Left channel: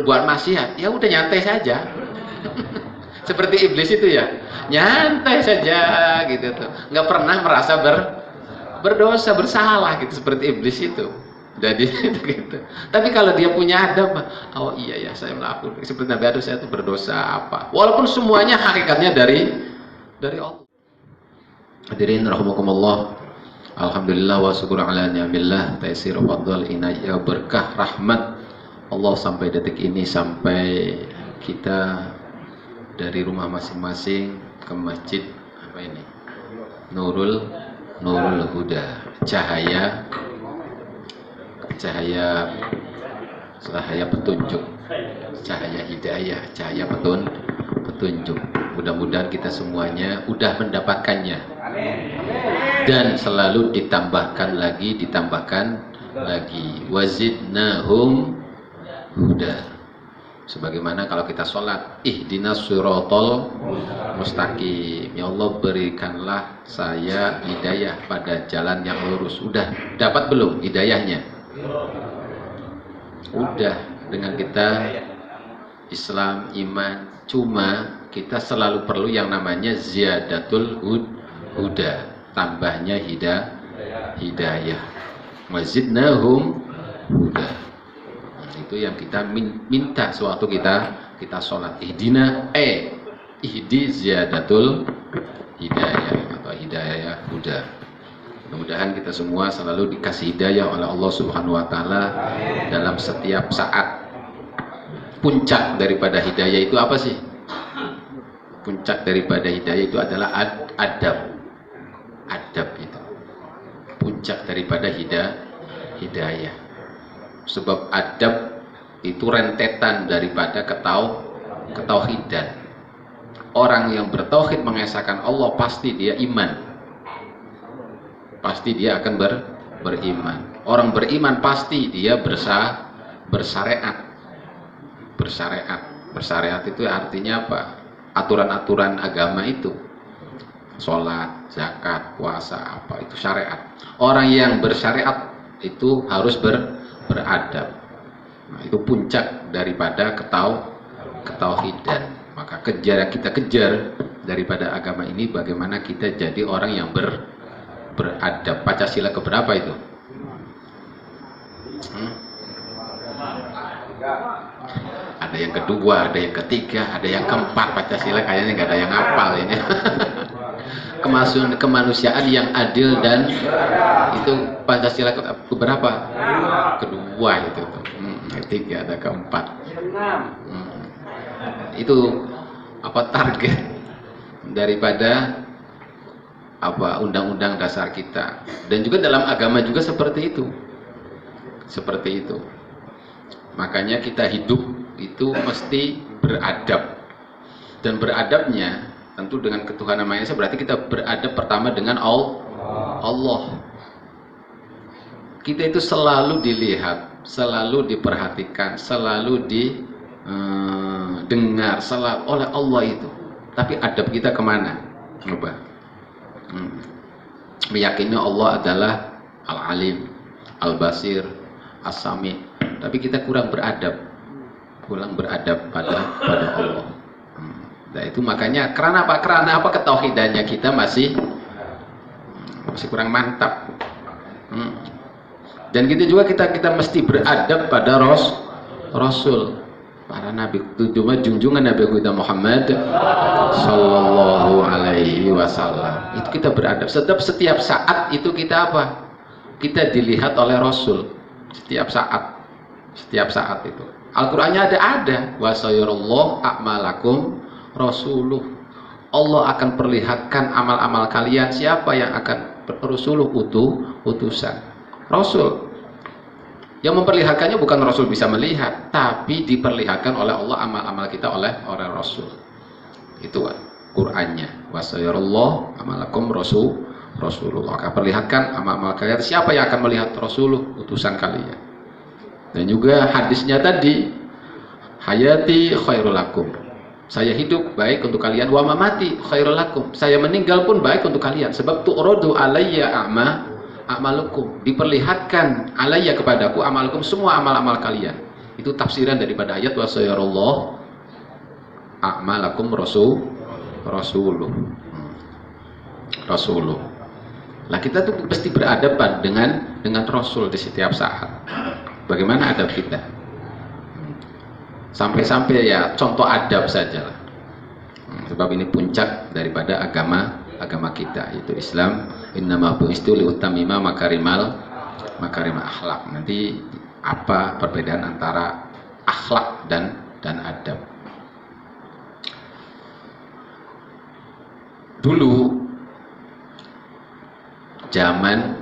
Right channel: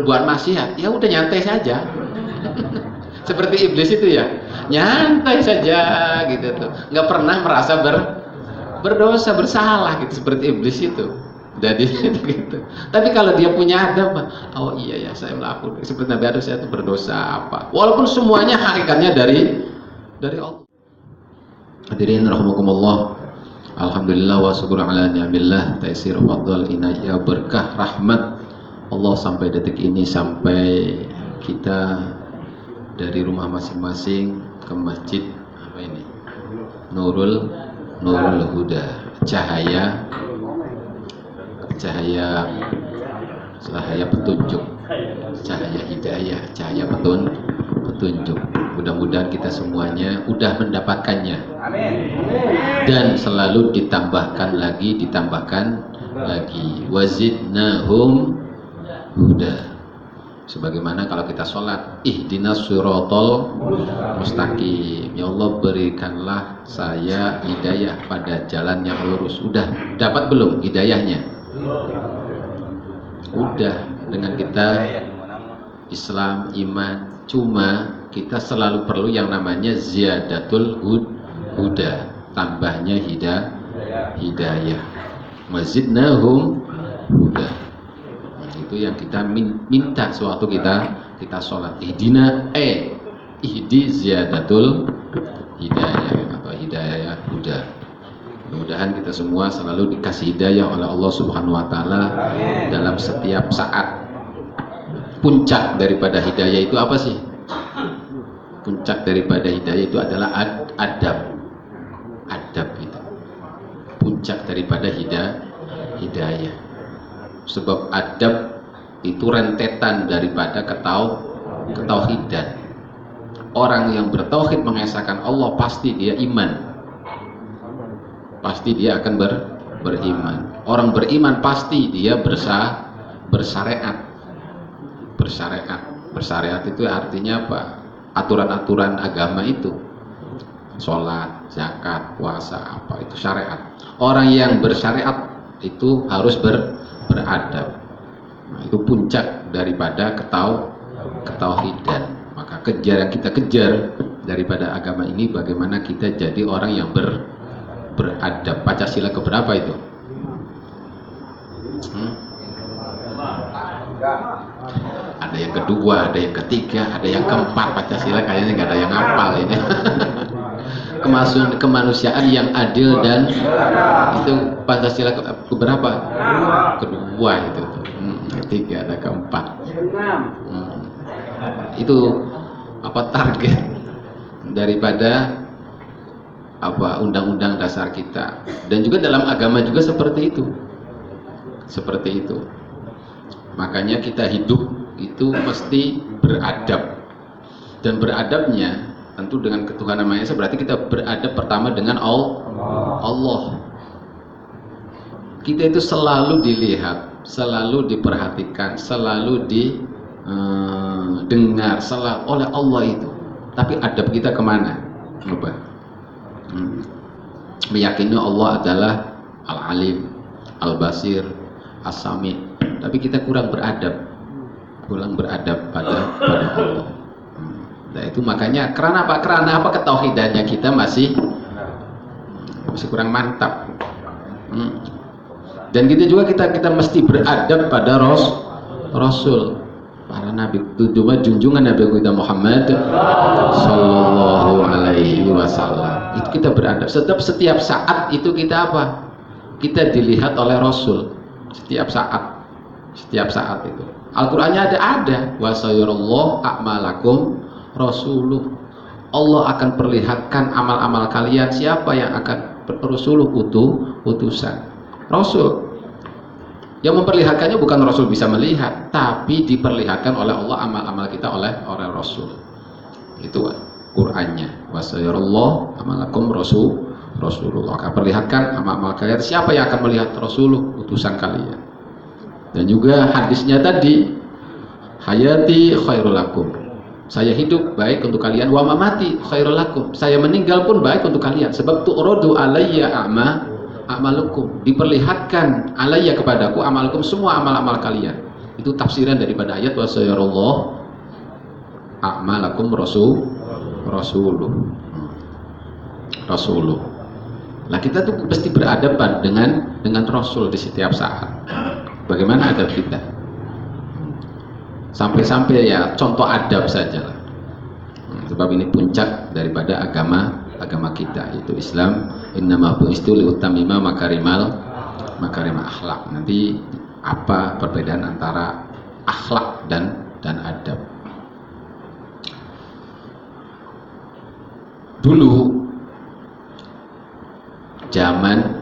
berbuat maksiat, ya udah nyantai saja. Seperti iblis itu ya, nyantai saja gitu tuh, nggak pernah merasa berdosa, bersalah gitu, seperti iblis itu. Jadi gitu. Tapi kalau dia punya adab, oh iya ya saya melakukan seperti Nabi Adam, saya itu berdosa apa. Walaupun semuanya hakikatnya dari Allah. Hadirin rahimakumullah. Alhamdulillah wa syukur ala ni'amillah, taisir fadl inayah, berkah rahmat Allah sampai detik ini, sampai kita dari rumah masing-masing ke masjid apa ini? Nurul Huda, cahaya petunjuk, cahaya hidayah, cahaya petunjuk. Mudah-mudahan kita semuanya udah mendapatkannya dan selalu ditambahkan lagi, wazidnahum huda. Sebagaimana kalau kita sholat, ihdinas siratal mustaqim, ya Allah berikanlah saya hidayah pada jalan yang lurus. Udah dapat belum hidayahnya? Udah, dengan kita Islam, iman. Cuma kita selalu perlu yang namanya ziyadatul huda, tambahnya hidayah. Wazidnahum huda. Itu yang kita minta sewaktu kita sholat. Ihdi ziyadatul hidayah atau hidayah huda. Mudah-mudahan kita semua selalu dikasih hidayah oleh Allah Subhanahu wa taala dalam setiap saat. Puncak daripada hidayah itu apa sih? Puncak daripada hidayah itu adalah adab. Adab itu puncak daripada hidayah. Sebab adab itu rentetan daripada ketauhidan. Orang yang bertauhid mengesahkan Allah pasti dia iman. Pasti dia akan beriman. Orang beriman pasti dia bersyariat. Bersyariat itu artinya apa? Aturan-aturan agama itu. Sholat, zakat, puasa, apa itu syariat. Orang yang bersyariat itu harus beradab. Nah, itu puncak daripada ketauhidan. Maka kita kejar daripada agama ini bagaimana kita jadi orang yang beradab. Pancasila keberapa itu? Ada yang kedua, ada yang ketiga, ada yang keempat. Pancasila kayaknya nggak ada yang hafal ini. Kemanusiaan yang adil dan itu Pancasila keberapa? Kedua itu. Ketiga, ada keempat. Itu apa target daripada apa undang-undang dasar kita, dan juga dalam agama juga seperti itu. Makanya kita hidup itu mesti beradab, dan beradabnya tentu dengan ketuhanan Maha Esa, berarti kita beradab pertama dengan Allah. Kita itu selalu dilihat, selalu diperhatikan, selalu didengar oleh Allah itu. Tapi adab kita kemana? Coba. Meyakini Allah adalah Al-Alim, Al-Basir, As-Sami, tapi kita kurang beradab pada Allah. Nah itu makanya karena apa ketauhidannya kita masih kurang mantap. Dan kita juga kita mesti beradab pada Rasul, para nabi, terutama junjungan Nabi kita Muhammad sallallahu alaihi wasallam. Itu kita beradab. Setiap saat itu kita apa? Kita dilihat oleh Rasul setiap saat itu. Al-Qur'annya ada wa sayyarallahu a'malakum rasuluh. Allah akan perlihatkan amal-amal kalian. Siapa yang akan rasuluh? Utusan Rasul. Yang memperlihatkannya bukan Rasul bisa melihat, tapi diperlihatkan oleh Allah amal-amal kita oleh Rasul. Itu Qur'annya. Wa sayyarallahu a'malakum Rasulullah akan perlihatkan amal-amal kalian. Siapa yang akan melihat Rasulullah? Utusan kalian. Dan juga hadisnya tadi, hayati khairul lakum. Saya hidup baik untuk kalian, wa mamati khairul lakum. Saya meninggal pun baik untuk kalian. Sebab tu'radu alayya amalukum. Diperlihatkan alayya kepadaku amalukum, semua amal-amal kalian. Itu tafsiran daripada ayat wa sayarallahu a'malakum rasuluh. Nah, kita tuh pasti berhadapan dengan Rasul di setiap saat. Bagaimana adab kita? Sampai-sampai ya contoh adab saja. Sebab ini puncak daripada agama kita, yaitu Islam. Innama bu'istu liutammima makarimal akhlak. Nanti apa perbedaan antara akhlak dan adab? Dulu zaman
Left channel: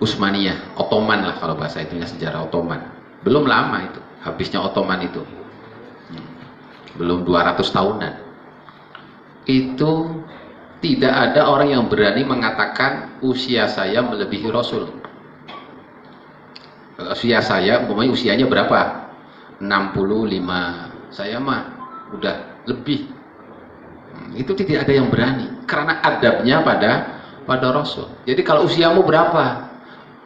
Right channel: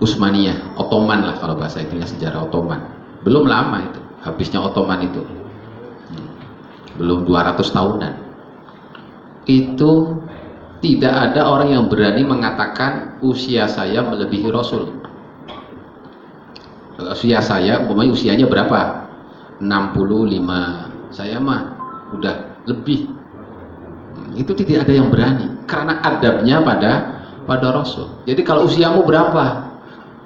Utsmaniyah, Ottoman lah kalau bahasa itunya, sejarah Ottoman. Belum lama itu, habisnya Ottoman itu. Belum 200 tahunan. Itu tidak ada orang yang berani mengatakan usia saya melebihi Rasul. Usia saya, umpamanya usianya berapa? 65. Saya mah udah lebih. Itu tidak ada yang berani karena adabnya pada Rasul. Jadi kalau usiamu berapa?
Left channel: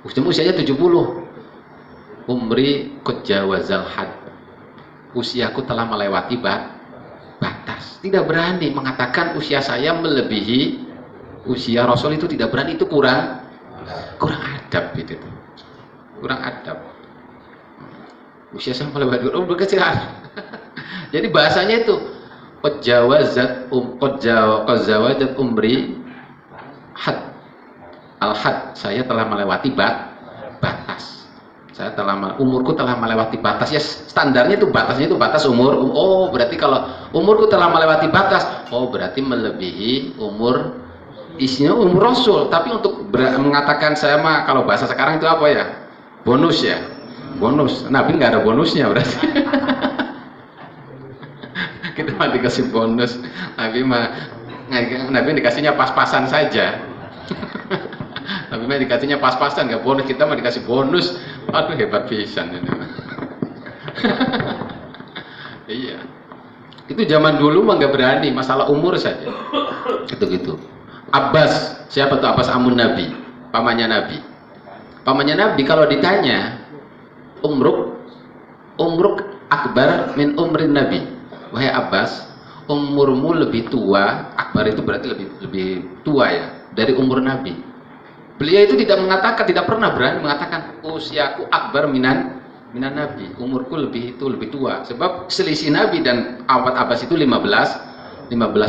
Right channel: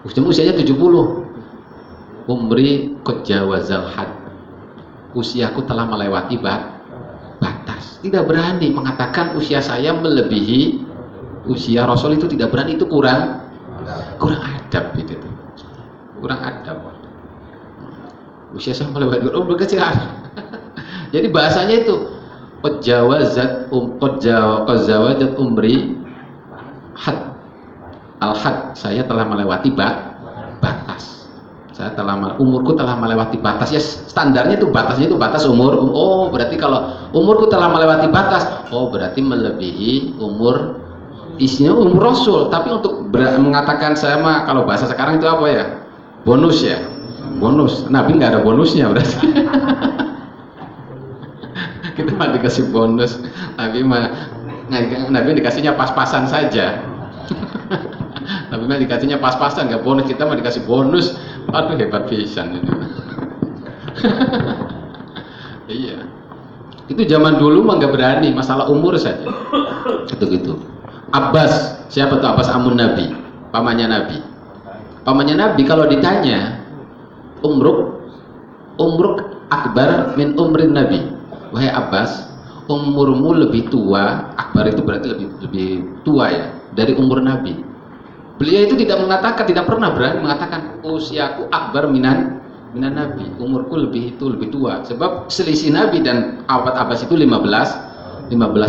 Usianya 70. Umri qad jawazal had. Usiaku telah melewati batas. Tidak berani mengatakan usia saya melebihi usia Rasul, itu tidak berani, itu kurang adab itu. Kurang adab. Usia saya melewati kecil. Jadi bahasanya itu qad jawazat umri had. Al-had, saya telah melewati batas. Umurku telah melewati batas. Ya, standarnya itu batasnya itu batas umur. Oh, berarti kalau umurku telah melewati batas, oh berarti melebihi umur isinya umur Rasul. Tapi untuk mengatakan saya mah, kalau bahasa sekarang itu apa ya? Bonus ya. Bonus. Nabi nggak ada bonusnya berarti. Kita mah dikasih bonus. Nabi dikasihnya pas-pasan saja. Nabi mah dikasihnya pas-pasan, nggak bonus. Kita mah dikasih bonus. Aduh, hebat pisan ini. Iya. Itu zaman dulu mah nggak berani, masalah umur saja. Gitu. Abbas, siapa tuh Abbas amun Nabi? Pamannya Nabi. Pamannya Nabi kalau ditanya, umruk akbar min umrin Nabi. Wahai Abbas, umurmu lebih tua, akbar itu berarti lebih tua ya, dari umur Nabi. Beliau itu tidak pernah berani mengatakan usiaku akbar minan Nabi, umurku lebih tua. Sebab selisih Nabi dan Abbas itu 15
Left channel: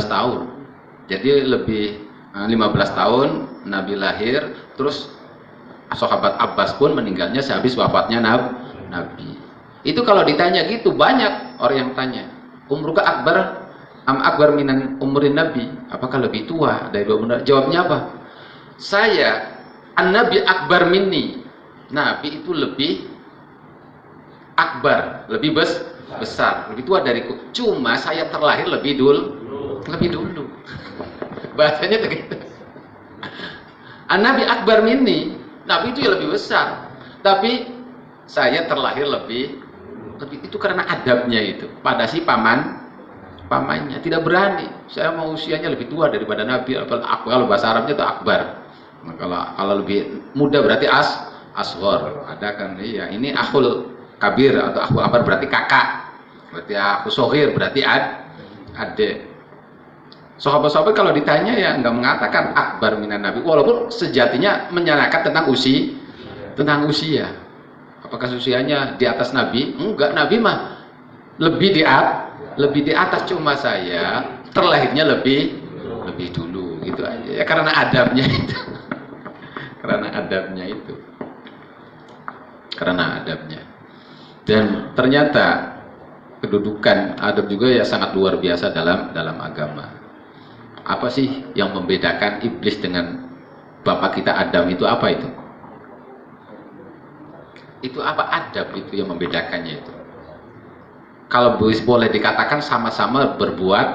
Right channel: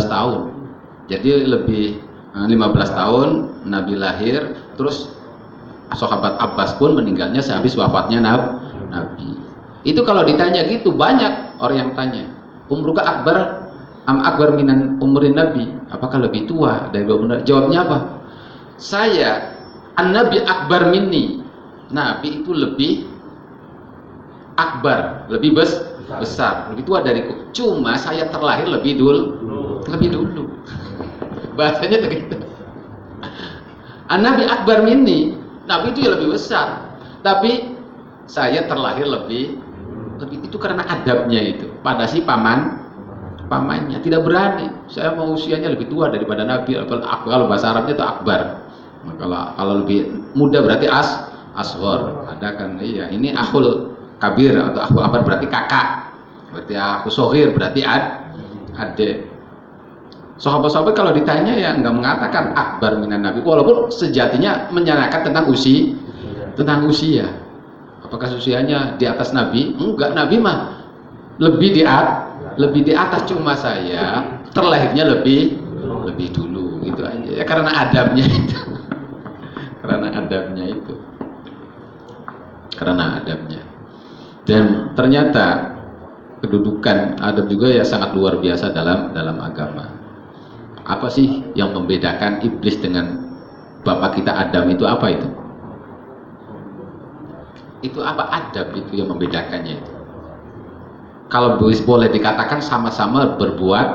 tahun. Jadi lebih 15 tahun Nabi lahir, terus sahabat Abbas pun meninggalnya sehabis wafatnya Nabi. Itu kalau ditanya gitu, banyak orang yang tanya, umruka akbar minan umurin Nabi, apakah lebih tua dari umur? Jawabnya apa? Saya An-Nabi akbar minni. Nabi itu lebih akbar, lebih besar, lebih tua dariku. Cuma saya terlahir lebih dulu. Bahasanya begitu. An-Nabi akbar minni. Nabi itu ya lebih besar. Tapi saya terlahir lebih itu karena adabnya itu. Pada si pamannya tidak berani. Saya mau usianya lebih tua daripada Nabi. Kalau bahasa Arabnya itu akbar. Kalau lebih muda berarti ashor. Ada kan? Iya, ini akhul kabir atau akhul akbar berarti kakak. Berarti akhul sohir berarti adik. Sahabat-sahabat kalau ditanya ya nggak mengatakan akbar minan Nabi, walaupun sejatinya menyerahkan tentang usia. Apakah usianya di atas Nabi? Enggak, Nabi mah lebih di atas, cuma saya terlahirnya lebih dulu gitu aja. Ya karena adabnya itu. Karena adabnya. Dan ternyata kedudukan adab juga ya sangat luar biasa dalam agama. Apa sih yang membedakan iblis dengan bapak kita Adam itu apa itu? Itu apa adab itu yang membedakannya itu? Kalau boleh dikatakan sama-sama berbuat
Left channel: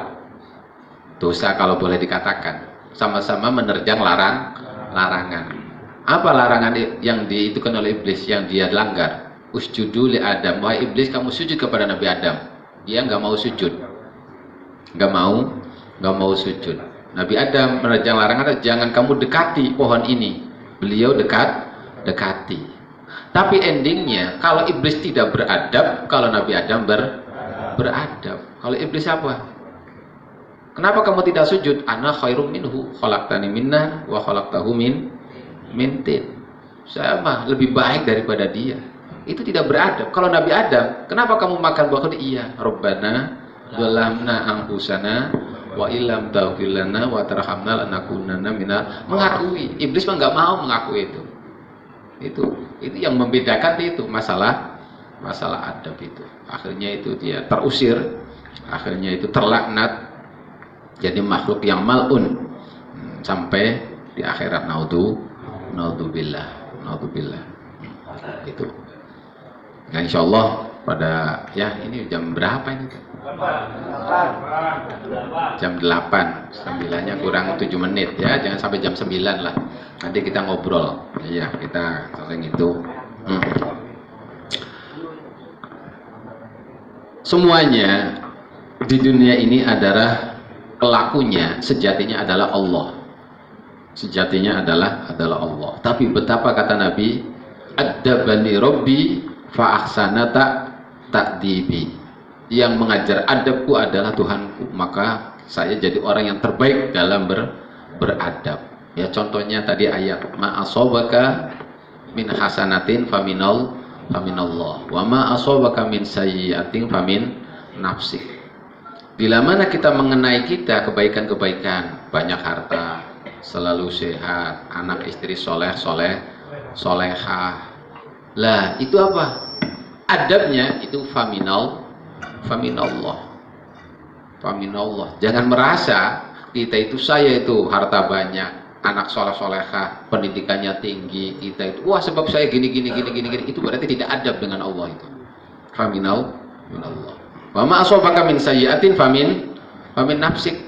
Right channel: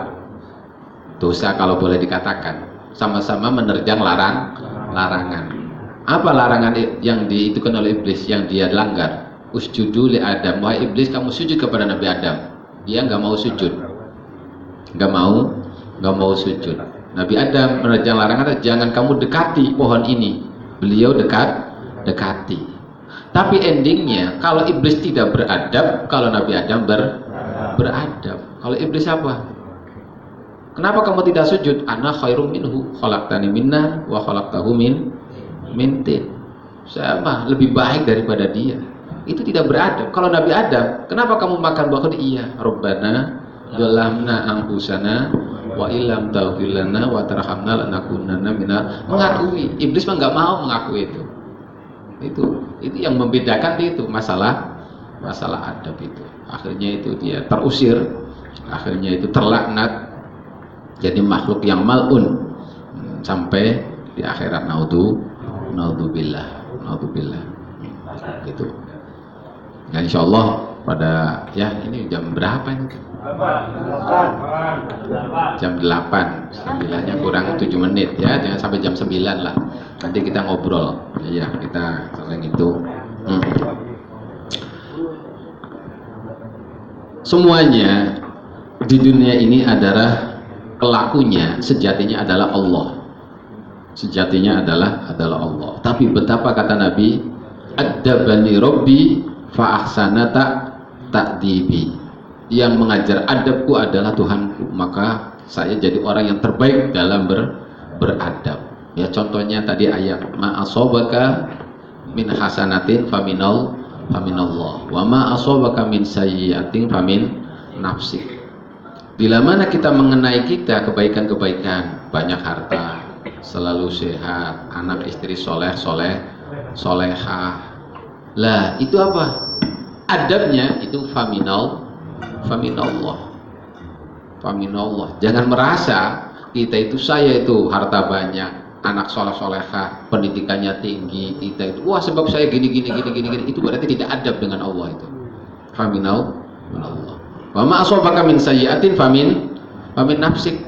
dosa, kalau boleh dikatakan sama-sama menerjang larangan. Apa larangan yang diitukan oleh iblis yang dia langgar? Usjudu li Adam. Wahai iblis, kamu sujud kepada Nabi Adam. Dia nggak mau sujud. Nggak mau sujud. Nabi Adam menerjang larangan, jangan kamu dekati pohon ini. Beliau dekati. Tapi endingnya kalau iblis tidak beradab, kalau Nabi Adam beradab. Kalau iblis apa? Kenapa kamu tidak sujud? Ana khairum minhu, khalaqtani min nar wa khalaqtahu min tin. Saya mah lebih baik daripada dia. Itu tidak beradab. Kalau Nabi Adam, kenapa kamu makan buah? Iya, Rabbana zalamna anfusana wa illam taghfir lana wa tarhamna lanakunanna minal mengakui. Iblis mah enggak mau mengakui itu. Itu yang membedakan itu masalah adab itu. Akhirnya itu dia terusir, akhirnya itu terlaknat, jadi makhluk yang mal'un sampai di akhirat. Naudzubillah gitu. Nah, insyaallah pada ini jam berapa ini? Jam 8. 9-nya kurang 7 menit ya, jangan sampai jam 9 lah. Nanti kita ngobrol. Iya, kita sering itu. Semuanya di dunia ini adalah pelakunya sejatinya adalah Allah. Sejatinya adalah Allah. Tapi betapa kata Nabi, "Adabani Rabbi fa ahsana ta'dibi." Yang mengajar adabku adalah Tuhanku, maka saya jadi orang yang terbaik dalam beradab. Ya, contohnya tadi ayat ma asobaka min hasanatin faminallah wa ma asobaka min sayyi'atin famin nafsik. Bila mana kita mengenai kita kebaikan-kebaikan, banyak harta, selalu sehat, anak istri solehah. Lah, itu apa? Adabnya itu faminallah. Jangan merasa kita itu, saya itu harta banyak, anak solehah, pendidikannya tinggi, kita itu wah sebab saya gini. Itu berarti tidak adab dengan Allah itu. Faminallah. Wa ma asabaka min sayyi'atin famin nafsik.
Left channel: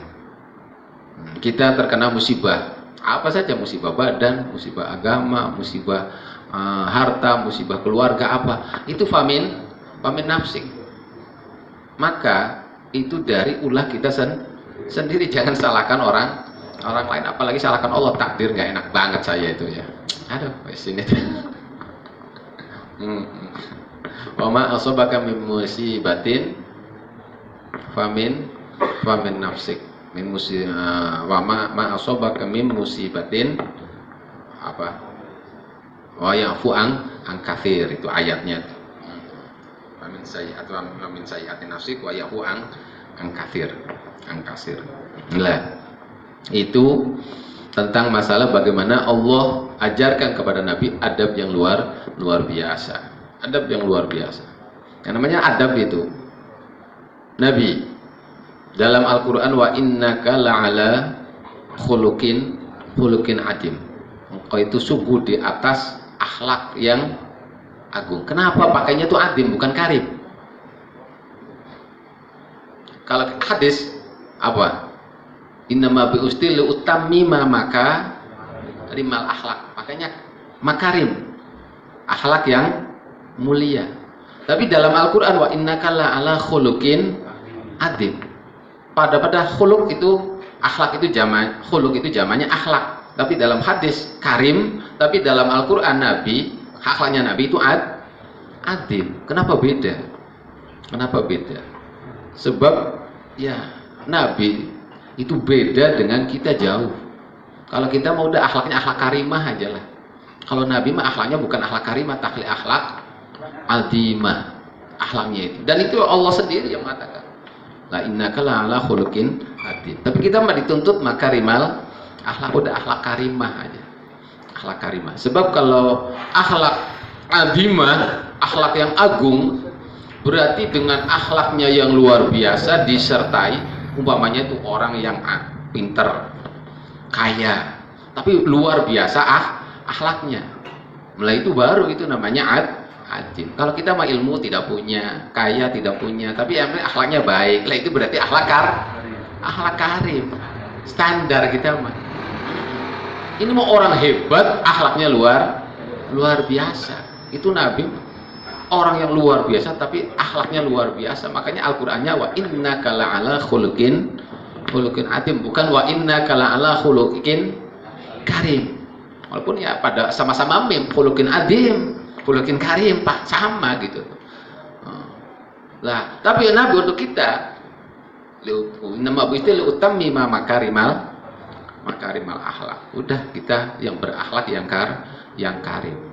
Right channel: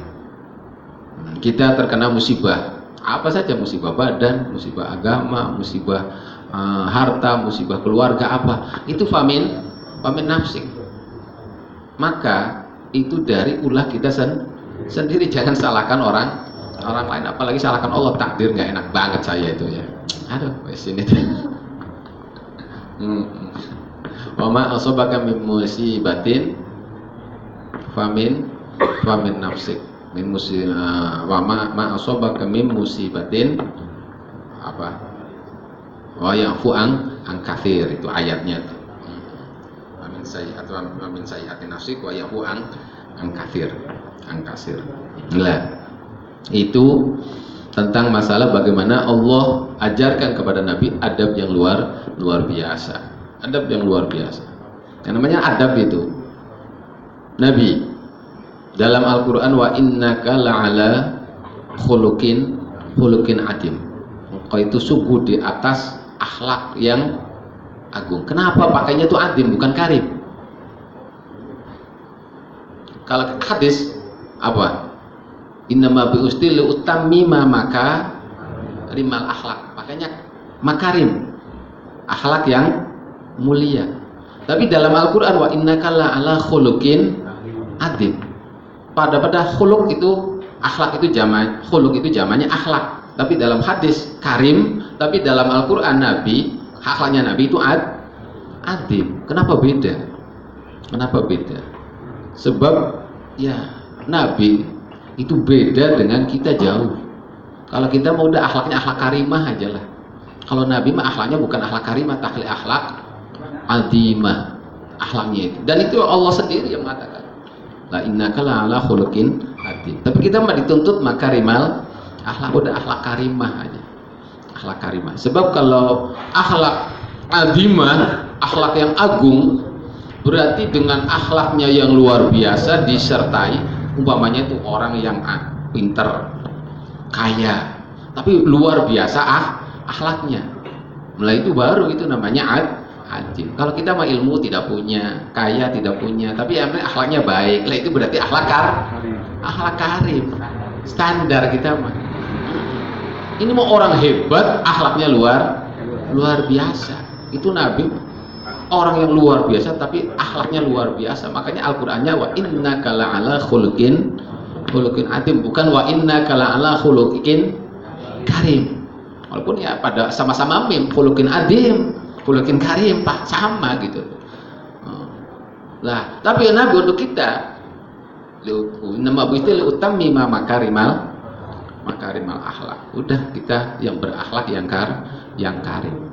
Kita terkena musibah, apa saja musibah badan, musibah agama, musibah harta, musibah keluarga, apa itu famin nafsik. Maka itu dari ulah kita sendiri. Jangan salahkan orang lain, apalagi salahkan Allah. Takdir nggak enak banget saya itu ya. Aduh, sini. Wa ma asabaka min musibatin famin nafsik. Min wa ma asabaka min musibatin apa? Wa yafu an katsir, itu ayatnya. Min sayyi'atin nafsik wa yafu an katsir. Nah, itu tentang masalah bagaimana Allah ajarkan kepada Nabi adab yang luar biasa. Adab yang luar biasa. Yang namanya adab itu Nabi dalam Al-Quran, wa innaka la'ala khuluqin adim. Engkau itu sungguh di atas akhlak yang agung. Kenapa pakainya itu adim bukan karim? Kalau hadis apa? Innama biustil utammima maka rimal akhlak. Makanya makarim, akhlak yang mulia. Tapi dalam Al-Quran, wa innaka la'ala khuluqin adim. Pada khuluq itu, akhlak itu jamak, khuluq itu jamaknya akhlak. Tapi dalam hadis karim, tapi dalam Al-Quran Nabi, akhlaknya Nabi itu adim. Kenapa beda? Sebab ya Nabi itu beda dengan kita jauh. Kalau kita mau udah akhlaknya akhlak karimah aja lah. Kalau Nabi mah akhlaknya bukan akhlak karimah, tapi akhlak adimah, akhlaknya itu. Dan itu Allah sendiri yang mengatakan, la innaka la'ala khuluqin adim. Tapi kita mah dituntut makarimal akhlak, udah akhlak karimah aja. Akhlak karimah. Sebab kalau akhlak adimah, akhlak yang agung, berarti dengan akhlaknya yang luar biasa disertai, umpamanya itu orang yang pinter, kaya, tapi luar biasa akhlaknya. Mulai itu baru itu namanya adim. Kalau kita mah ilmu tidak punya, kaya tidak punya, tapi akhlaknya baik, lah itu berarti akhlak karim. Standar kita mah. Ini mau orang hebat, akhlaknya luar biasa. Itu Nabi, orang yang luar biasa tapi akhlaknya luar biasa. Makanya Al-Qur'annya wa innaka la'ala khuluqin adim, bukan wa innaka la'ala khuluqin karim. Walaupun ya pada sama-sama mim khuluqin adim. khuluqin karim, Pak, sama gitu. Lah, tapi Nabi untuk kita nama istilah utami makarimal akhlak. Udah kita yang berakhlak yang karim.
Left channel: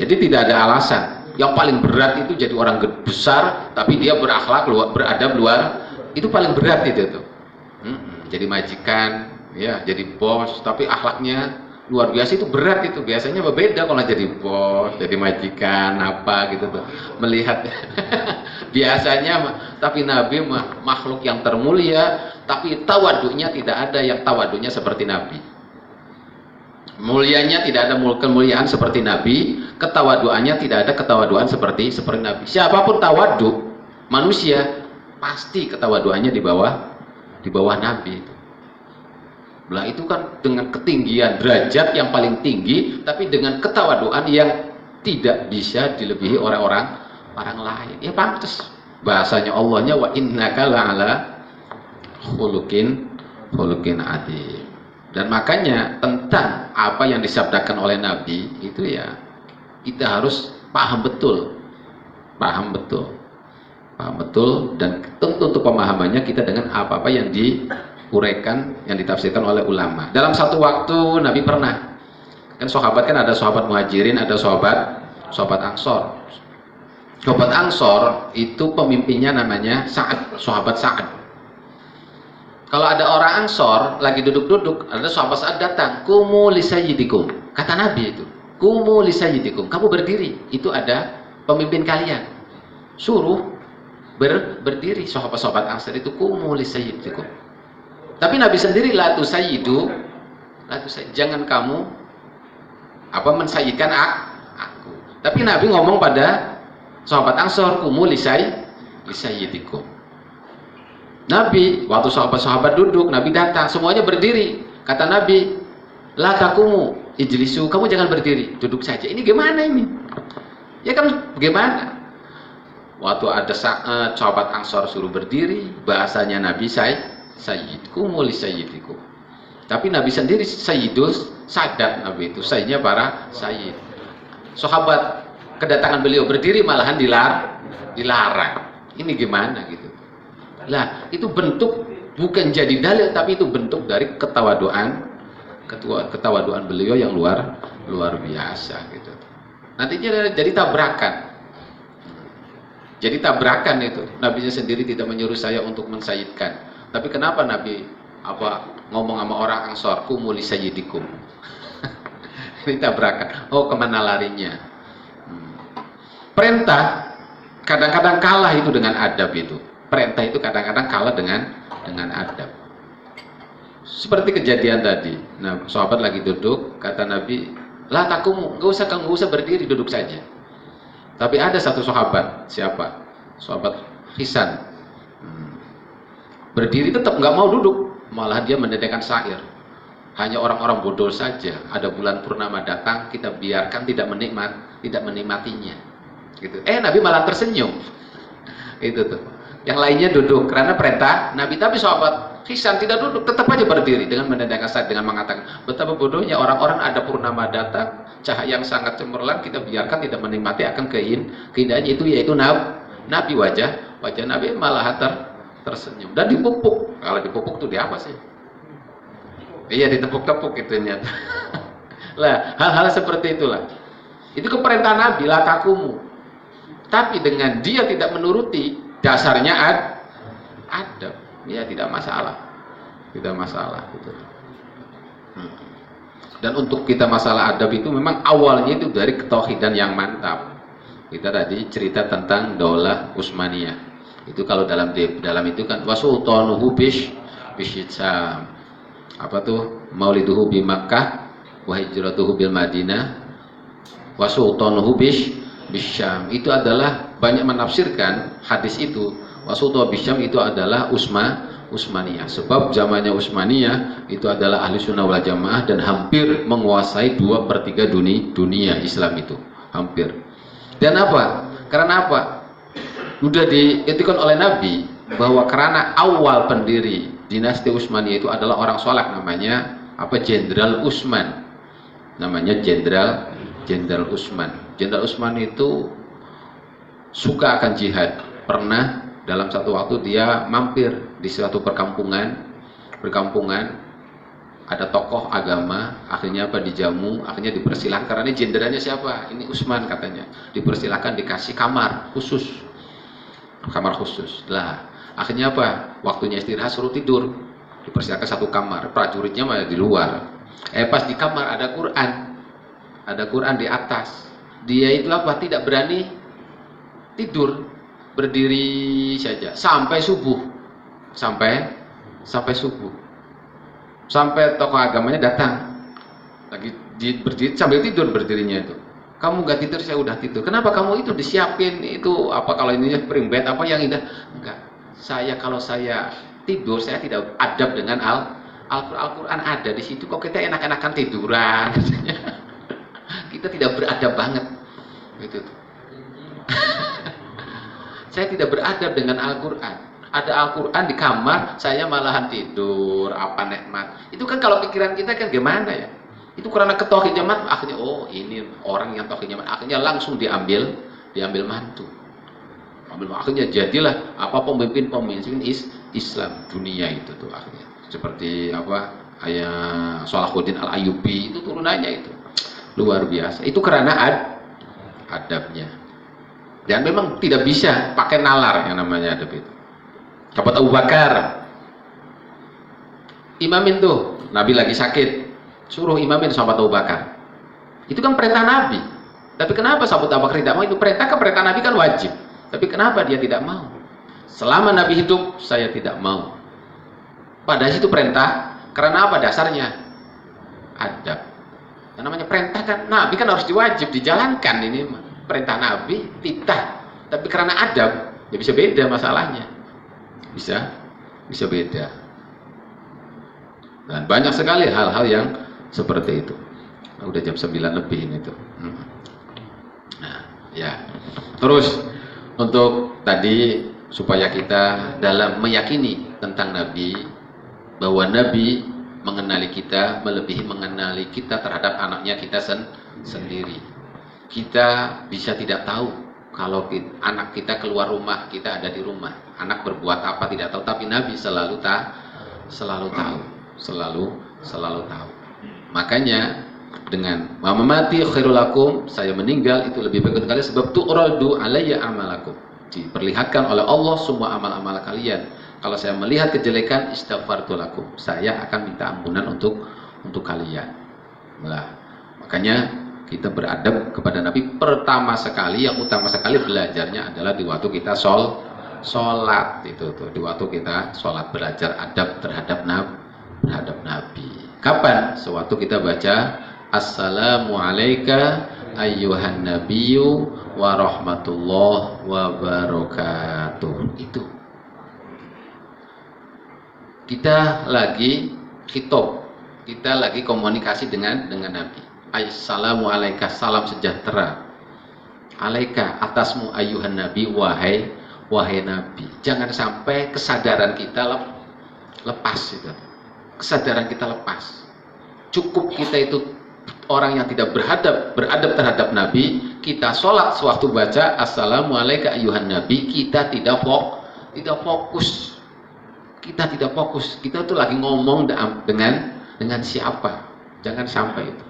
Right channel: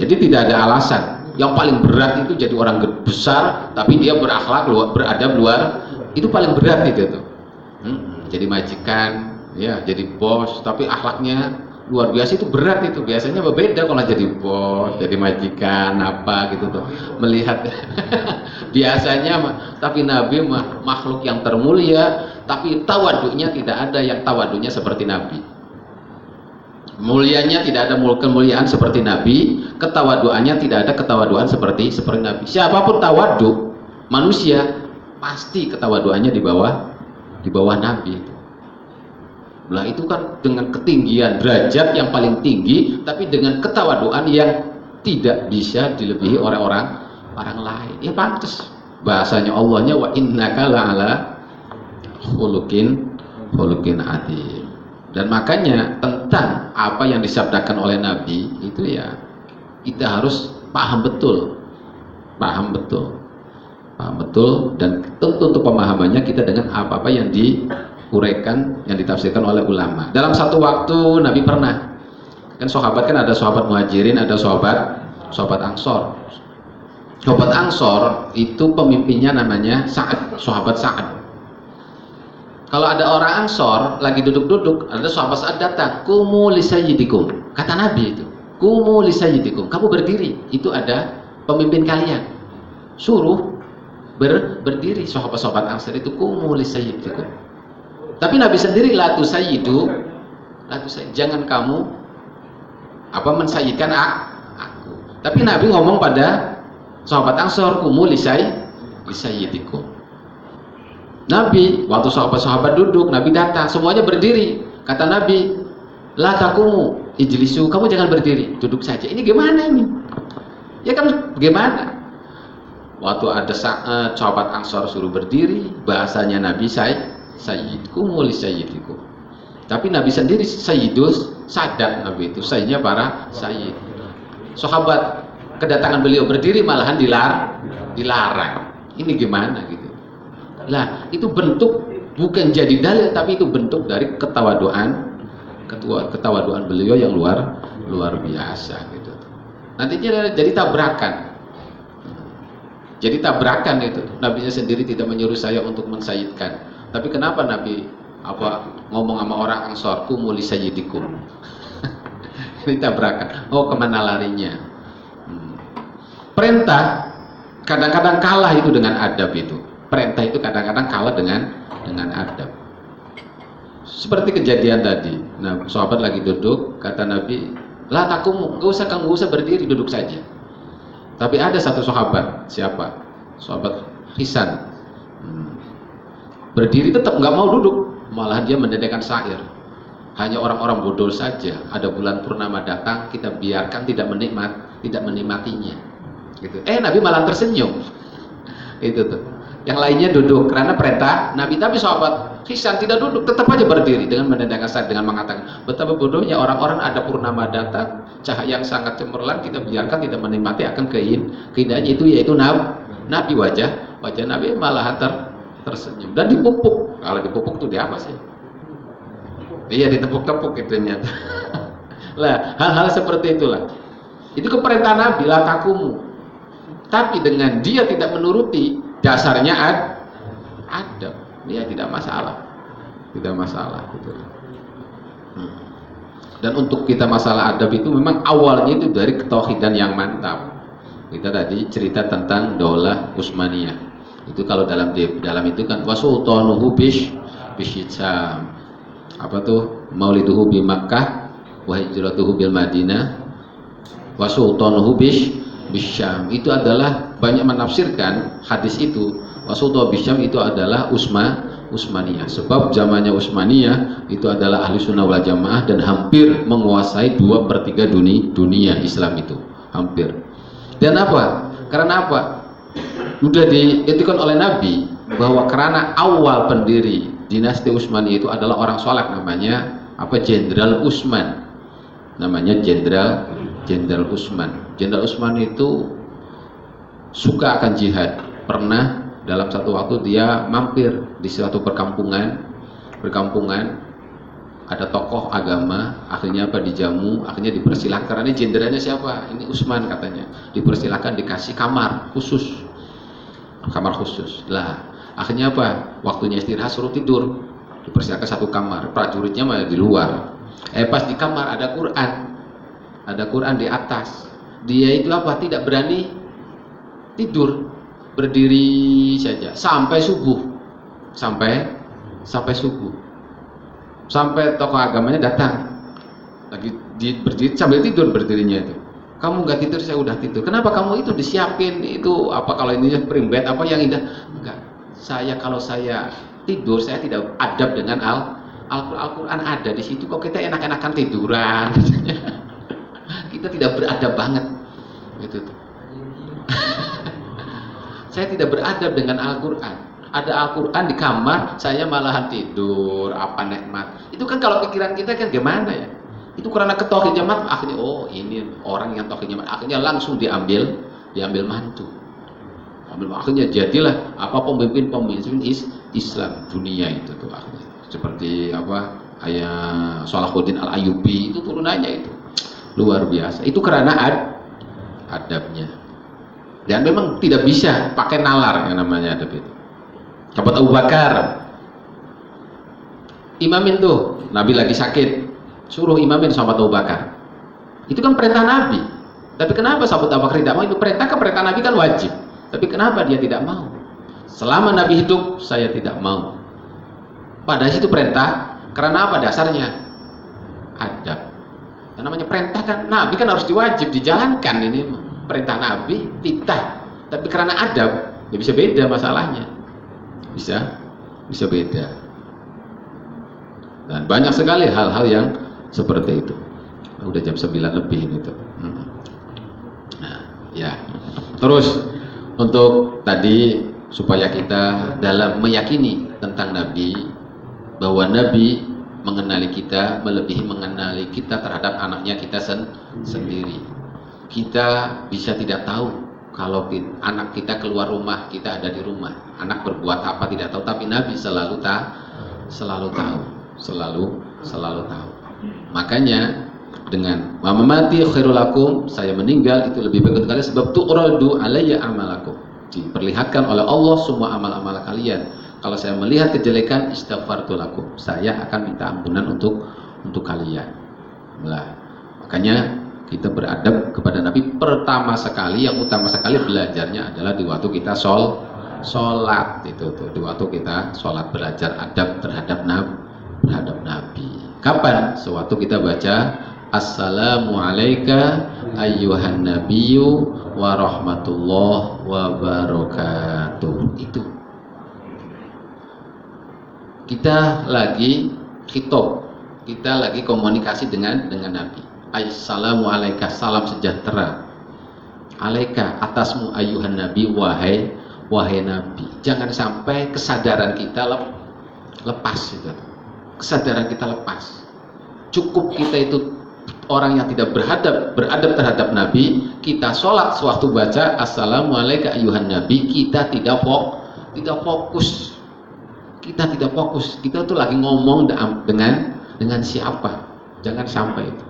Jadi tidak ada alasan. Yang paling berat itu jadi orang besar tapi dia berakhlak beradab luar, itu paling berat itu tuh. Jadi majikan, ya, jadi bos tapi akhlaknya luar biasa, itu berat itu. Biasanya berbeda kalau jadi bos, jadi majikan apa gitu tuh. Melihat biasanya, tapi Nabi makhluk yang termulia, tapi tawaduknya tidak ada yang tawaduknya seperti Nabi. Mulianya tidak ada kemuliaan seperti Nabi, ketawaduannya tidak ada ketawaduan seperti Nabi. Siapapun tawaduk manusia pasti ketawaduannya di bawah Nabi. Lah itu kan dengan ketinggian derajat yang paling tinggi, tapi dengan ketawaduan yang tidak bisa dilebihi oleh orang lain. Ya pantas bahasanya Allahnya wa innaka la'ala khuluqin adzim. Dan makanya tentang apa yang disabdakan oleh Nabi itu ya kita harus paham betul, dan tentu untuk pemahamannya kita dengan apa-apa yang diuraikan, yang ditafsirkan oleh ulama. Dalam satu waktu Nabi pernah, kan sahabat kan ada sahabat muhajirin, ada sahabat ansor. Sahabat ansor itu pemimpinnya namanya Sa'ad, sahabat Sa'ad. Kalau ada orang ansor lagi duduk-duduk, ada sahabat Sa'ad datang, kumu li sayyidikum, kata Nabi itu, kumu li sayyidikum, kamu berdiri, itu ada pemimpin kalian, suruh berdiri. Sahabat-sahabat ansor itu kumu li sayyidikum. Tapi Nabi sendiri la tusayyidu, jangan kamu mensayyidkan aku. Tapi Nabi ngomong pada sahabat ansor, kumu li sayyidikum. Nabi waktu sahabat-sahabat duduk, Nabi datang, semuanya berdiri. Kata Nabi, la takumu ijlisu, kamu jangan berdiri, duduk saja. Ini gimana ini? Ya kan gimana? Waktu ada sahabat ansor suruh berdiri, bahasanya Nabi sayyidkum li sayyidikum. Tapi Nabi sendiri sayyidus sadat, Nabi itu sayyidnya para sayyid. Sahabat kedatangan beliau berdiri malahan dilarang. Ini gimana gitu? Lah, itu bentuk bukan jadi dalil, tapi itu bentuk dari ketawaduan beliau yang luar biasa gitu. Nantinya jadi tabrakan. Jadi tabrakan itu. Nabinya sendiri tidak menyuruh saya untuk mensayyidkan. Tapi kenapa Nabi ngomong sama orang ansor, kumu li sayyidikum. Ini tabrakan. Oh, kemana larinya? Perintah kadang-kadang kalah itu dengan adab itu. Perintah itu kadang-kadang kalah dengan adab. Seperti kejadian tadi. Nah, sahabat lagi duduk, kata Nabi, "La takumu, kamu usah berdiri, duduk saja." Tapi ada satu sahabat, siapa? Sahabat Hisan. Berdiri tetap nggak mau duduk, malah dia mendedahkan syair. Hanya orang-orang bodoh saja. Ada bulan purnama datang, kita biarkan tidak menikmatinya. Gitu. Nabi malah tersenyum. Itu tuh. Yang lainnya duduk karena perintah Nabi, tapi sahabat Hisan tidak duduk, tetap aja berdiri dengan mendedahkan syair, dengan mengatakan betapa bodohnya orang-orang, ada purnama datang, cahaya yang sangat cemerlang, kita biarkan tidak menikmati akan keindahannya itu, yaitu Nabi. Wajah Nabi malah tersenyum dan dipupuk. Kalau dipupuk itu di apa sih? Iya, ditepuk-tepuk itu nyata. Lah, hal-hal seperti itulah. Itu keperintah Nabi, la takumu. Tapi dengan dia tidak menuruti, dasarnya ada. Ya tidak masalah. Gitu. Dan untuk kita masalah adab itu memang awalnya itu dari ketauhidan yang mantap. Kita tadi cerita tentang Daulah Utsmaniyah. Itu kalau dalam itu kan wasultanuhu bisyam. Apa tuh? Mauliduhu bi Makkah wa hijratuhu bil Madinah wa sultanuhu bisyam. Itu adalah banyak menafsirkan hadis itu. Wa sultanu bisyam itu adalah Utsmaniyah. Sebab zamannya Utsmaniyah itu adalah ahli sunnah wal jamaah dan hampir menguasai 2/3 dunia Islam itu. Hampir. Dan apa? Karena apa? Sudah dietikan oleh Nabi bahwa karena awal pendiri dinasti Utsmaniyah itu adalah orang soleh, namanya Jenderal Utsman. Namanya Jenderal Utsman. Jenderal Utsman itu suka akan jihad. Pernah dalam satu waktu dia mampir di suatu perkampungan, ada tokoh agama, akhirnya dijamu, akhirnya dipersilahkan, karena ini jenderalnya siapa? Ini Utsman katanya. Dipersilahkan dikasih kamar khusus. Lah, akhirnya waktunya istirahat suruh tidur. Dipersilakan satu kamar, prajuritnya malah di luar. Pas di kamar ada Quran di atas. Dia itu tidak berani tidur, berdiri saja sampai subuh, sampai subuh. Sampai tokoh agamanya datang, lagi berdiri sambil tidur berdirinya itu. Kamu nggak tidur, saya udah tidur. Kenapa kamu itu disiapin itu kalau ininya spring bed yang indah? Enggak. Kalau saya tidur, saya tidak adab dengan Al-Quran ada di situ. Kok kita enak-enakan tiduran? Kita tidak beradab banget. Gitu. Saya tidak beradab dengan Al-Quran. Ada Al-Quran di kamar, saya malahan tidur. Apa nikmat? Itu kan kalau pikiran kita kan gimana ya? Itu karena ketauhid jamaah, akhirnya ini orang yang tauhid jamaah, akhirnya langsung diambil mantu. Akhirnya jadilah pemimpin Islam dunia itu tuh akhirnya. Seperti ayah Salahuddin Al-Ayyubi itu turunannya itu luar biasa. Itu karena adabnya. Dan memang tidak bisa pakai nalar yang namanya adab itu. Sahabat Abu Bakar imamin tuh, Nabi lagi sakit, suruh imamin sahabat Abu Bakar. Itu kan perintah Nabi. Tapi kenapa sahabat Abu Bakar tidak mau? Itu perintah Nabi kan wajib. Tapi kenapa dia tidak mau? Selama Nabi hidup, saya tidak mau. Padahal itu perintah. Karena apa dasarnya? Adab. Yang namanya perintah kan Nabi kan harus diwajib dijalankan ini. Perintah Nabi tidak. Tapi karena adab, ya bisa beda masalahnya. Bisa beda. Dan banyak sekali hal-hal yang seperti itu. Udah jam 9 lebih ini tuh. Nah, ya. Terus untuk tadi supaya kita dalam meyakini tentang Nabi, bahwa Nabi mengenali kita melebihi mengenali kita terhadap anaknya kita sendiri. Kita bisa tidak tahu kalau anak kita keluar rumah, kita ada di rumah. Anak berbuat apa tidak tahu, tapi Nabi selalu tahu. Makanya dengan mamati khairul lakum, saya meninggal itu lebih baik sekali, sebab tu'radu alayya amalakum, diperlihatkan oleh Allah semua amal-amal kalian. Kalau saya melihat kejelekan, istaghfartu lakum, saya akan minta ampunan untuk kalian. Nah, makanya kita beradab kepada Nabi pertama sekali, yang utama sekali belajarnya adalah di waktu kita sholat itu tuh, di waktu kita sholat belajar adab terhadap Nabi. Kapan? Sewaktu kita baca Assalamu alayka ayyuhan nabiyyu wa rahmatullah wa barakatuh. Itu kita lagi khitab, kita lagi komunikasi dengan Nabi. Assalamu alayka, salam sejahtera. Alaika, atasmu ayyuhan nabi, wahai nabi. Jangan sampai kesadaran kita lepas itu. Kesadaran kita lepas. Cukup kita itu orang yang tidak beradab terhadap Nabi, kita sholat sewaktu baca Assalamu alayka ayyuhan nabi, kita tidak fokus. Kita tidak fokus. Kita tuh lagi ngomong dengan siapa. Jangan sampai itu.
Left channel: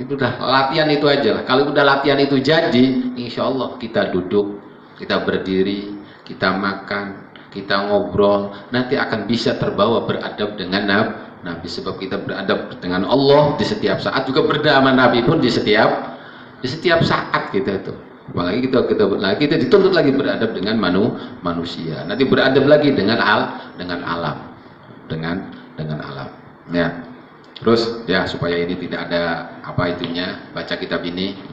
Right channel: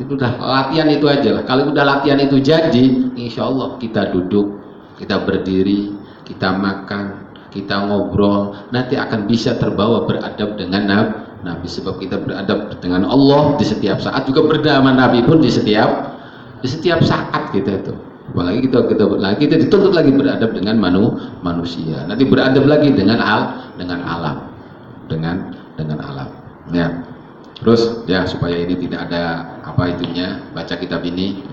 Itu udah latihan itu aja lah. Kalau udah latihan itu jadi, insya Allah kita duduk, kita berdiri, kita makan, kita ngobrol, nanti akan bisa terbawa beradab dengan Nabi. Sebab kita beradab dengan Allah di setiap saat, juga berdama Nabi pun di setiap saat kita itu. Apalagi kita dituntut lagi beradab dengan manusia. Nanti beradab lagi dengan alam. Ya. Terus ya supaya ini tidak ada baca kitab ini.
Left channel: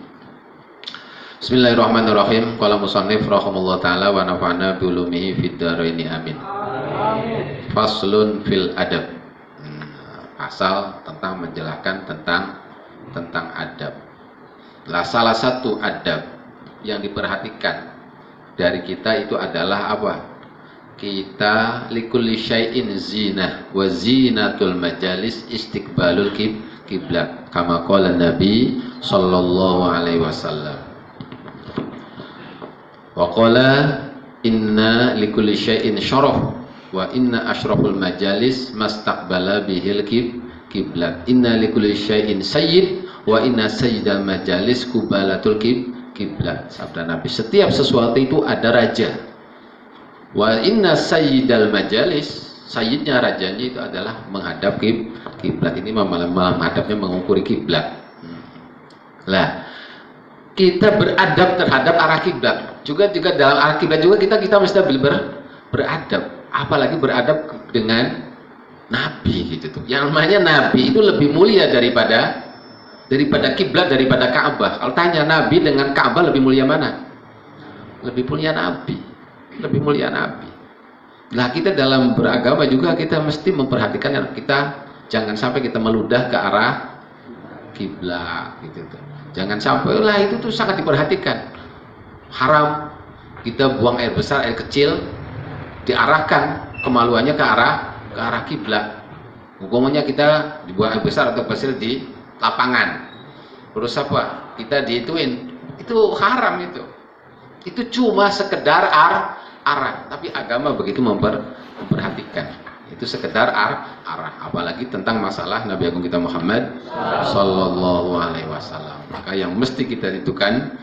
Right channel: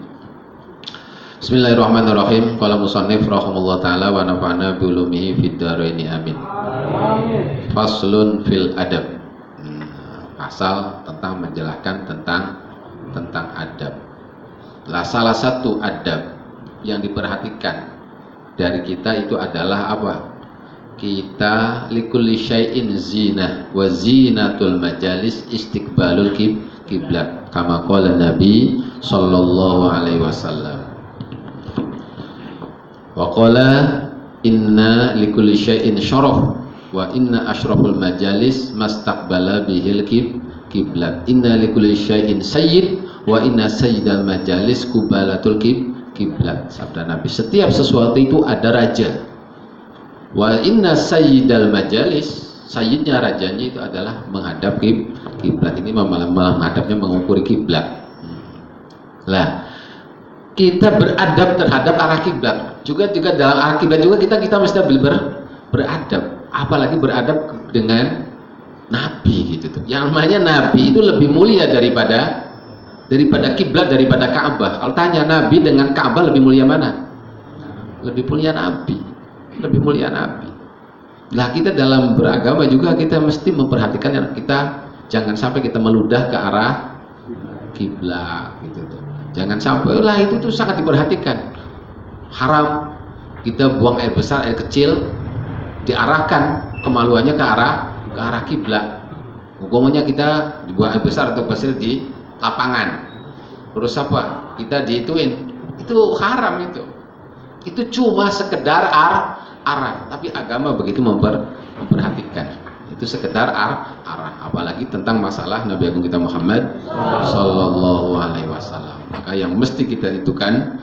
Bismillahirrahmanirrahim. Qala musannif rahimahullah taala wa nafa'na bi ulumihi fid dharain amin. Faslun fil adab. Pasal tentang menjelaskan tentang adab. Salah satu adab yang diperhatikan dari kita itu adalah apa? Kita likulli syai'in zinah wa zinatul majalis istiqbalul kiblat kama qala Nabi sallallahu alaihi wasallam. Wa qala inna likulli syai'in syaraf wa inna asyraful majalis mastaqbala bihil kiblat. Inna likulli syai'in sayyid wa inna sayyidal majalis kubalatul kiblat. Sabda Nabi, setiap sesuatu itu ada raja. Wa inna sayyidal majalis, sayyidnya, rajanya itu adalah menghadap kiblat. Ini menghadapnya mengukuri kiblat. Lah, kita beradab terhadap arah kiblat. Juga dalam arah kiblat juga kita mesti beradab. Apalagi beradab dengan Nabi gitu tuh. Yang namanya Nabi itu lebih mulia daripada kiblat, daripada Ka'bah. Kalau tanya Nabi dengan Ka'bah lebih mulia mana? Lebih mulia Nabi. Lebih mulia Nabi. Nah, kita dalam beragama juga kita mesti memperhatikan kita jangan sampai kita meludah ke arah kiblat gitu tuh. Jangan sampai lah, itu tuh sangat diperhatikan. Haram kita buang air besar, air kecil diarahkan kemaluannya ke arah kiblat. Hukumnya kita dibuang air besar atau kecil di lapangan. Terus apa? Kita diituin. Itu haram itu. Itu cuma sekedar arah, tapi agama begitu memperhatikan. Itu sekedar arah, apalagi tentang masalah Nabi Agung kita Muhammad sallallahu alaihi wasallam. Maka yang mesti kita itukan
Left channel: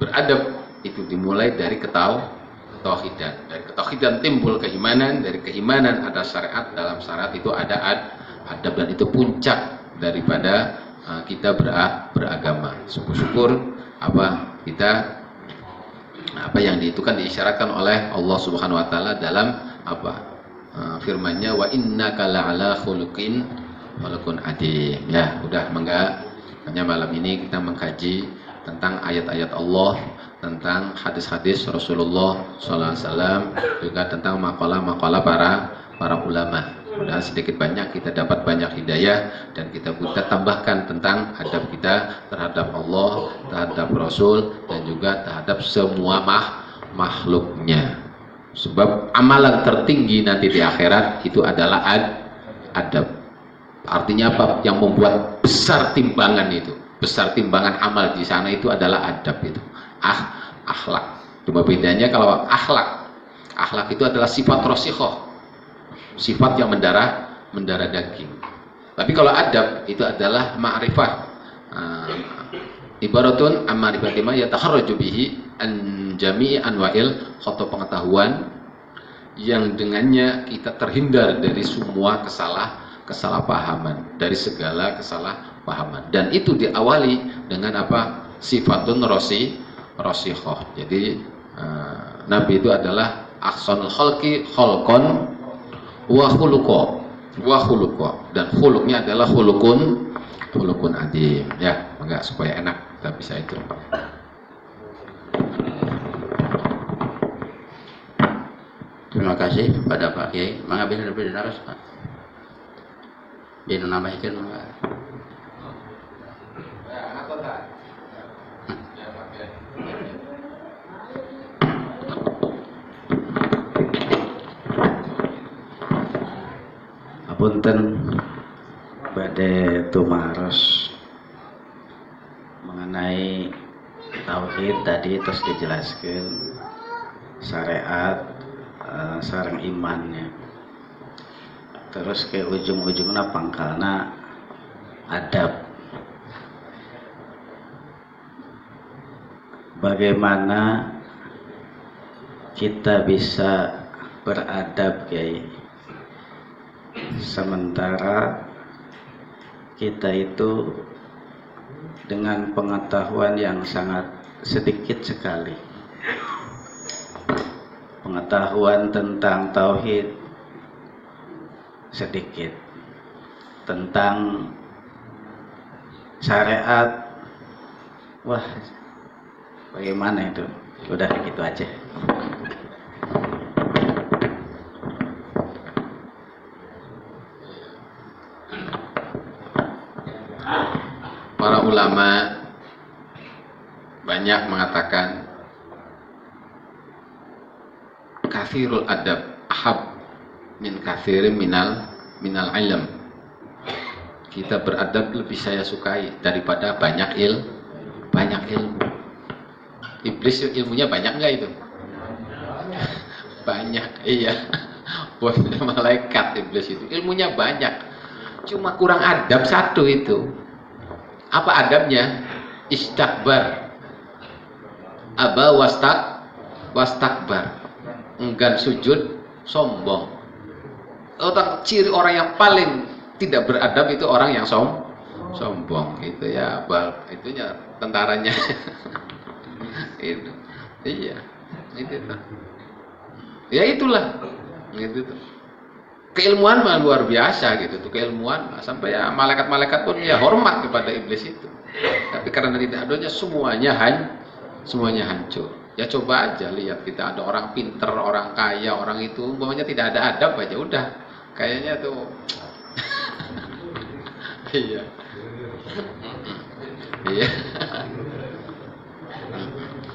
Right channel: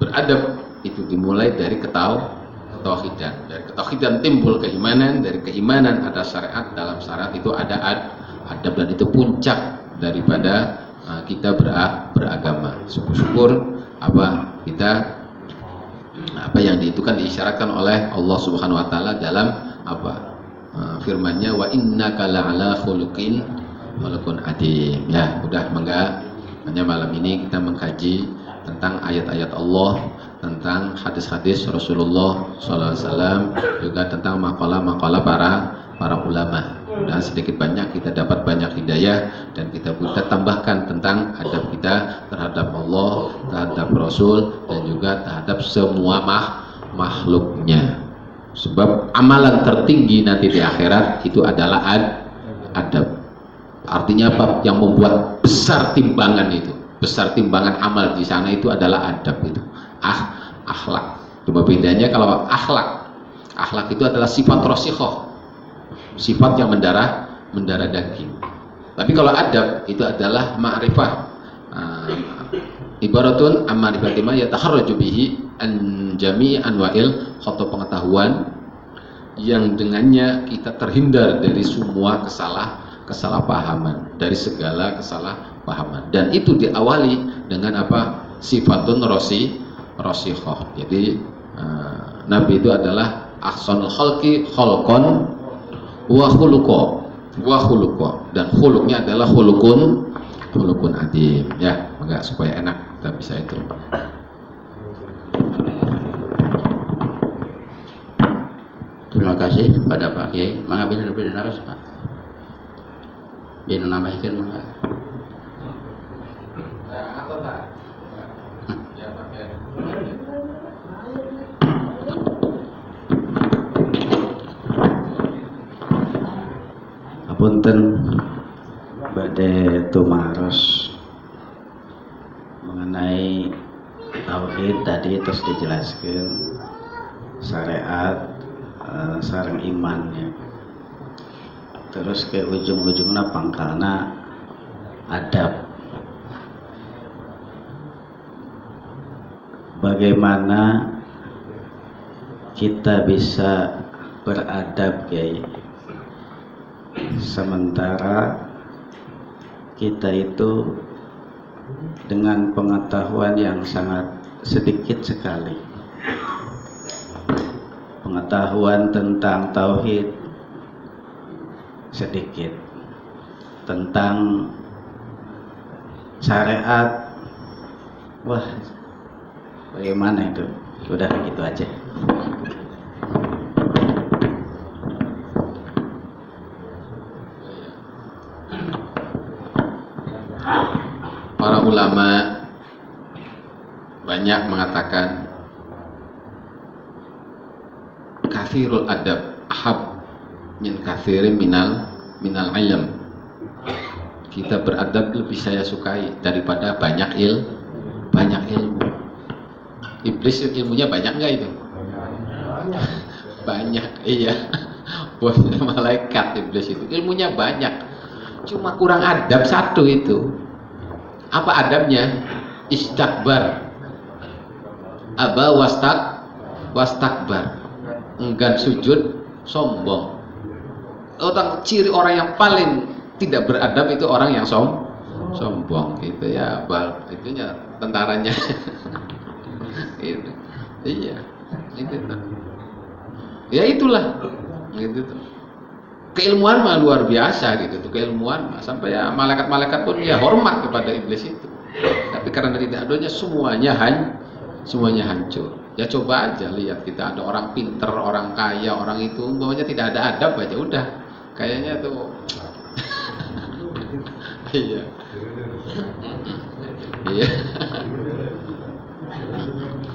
beradab itu dimulai dari ketauhidan. Dari ketauhidan timbul keimanan, dari keimanan ada syariat, dalam syariat itu ada adab, dan itu puncak daripada kita beragama. Syukur-syukur apa yang diitukan diisyaratkan oleh Allah Subhanahu wa taala dalam firman-Nya, wa innaka la'ala khuluqin adim. Ya, udah mangga. Hanya malam ini kita mengkaji tentang ayat-ayat Allah, tentang hadis-hadis Rasulullah SAW, juga tentang makalah-makalah para ulama. Dan sedikit banyak kita dapat banyak hidayah, dan kita tambahkan tentang adab kita terhadap Allah, terhadap Rasul, dan juga terhadap semua makhluknya. Sebab amalan tertinggi nanti di akhirat itu adalah adab. Artinya apa? Yang membuat besar timbangan itu, besar timbangan amal di sana itu adalah adab itu. Akhlak. Cuma bedanya kalau akhlak itu adalah sifat rosikhoh, sifat yang mendarah daging. Tapi kalau adab itu adalah ma'rifah. Ibaratun ammarifati ma yataharraju bihi an jami' anwa'il khoto, pengetahuan yang dengannya kita terhindar dari semua kesalahpahaman, dari segala kesalahpahaman. Dan itu diawali dengan apa? Sifatun rosikhoh. Jadi Nabi itu adalah ahsanul khalqi khalqan wa khuluqa, dan khuluknya adalah khulukun adim. Ya, enggak, supaya enak kita bisa itu. Terima kasih kepada Pak Kiai. Mengambil lebih dari Pak. Biar menambahkan Pak. Punten badhe tumaros mengenai tauhid tadi, terus dijelaskan syariat sareng imannya, terus ke ujung-ujungnya pangkalna adab. Bagaimana kita bisa beradab, Kiai, sementara kita itu dengan pengetahuan yang sangat sedikit sekali, pengetahuan tentang tauhid sedikit, tentang syariat, wah bagaimana itu? Udah gitu aja. Para ulama banyak mengatakan kathirul adab ahab min kathirin minal ilm. Kita beradab lebih saya sukai daripada banyak ilmu. Iblis ilmunya banyak nggak itu? Banyak, iya. Buatnya malaikat iblis itu ilmunya banyak, cuma kurang adab satu itu. Apa adabnya? Istakbar, aba wastakbar, enggan sujud, sombong. Ciri orang yang paling tidak beradab itu orang yang sombong gitu ya. Itunya tentaranya. Itu. Iya, itu tuh. Ya itulah, gitu tuh. Keilmuan mah luar biasa gitu tuh, keilmuan sampai ya malaikat-malaikat pun ya hormat kepada iblis itu. Tapi karena tidak adanya semuanya hancur. Ya coba aja lihat, kita ada orang pinter, orang kaya, orang itu umpamanya tidak ada adab aja udah kayaknya tuh. Iya. Iya.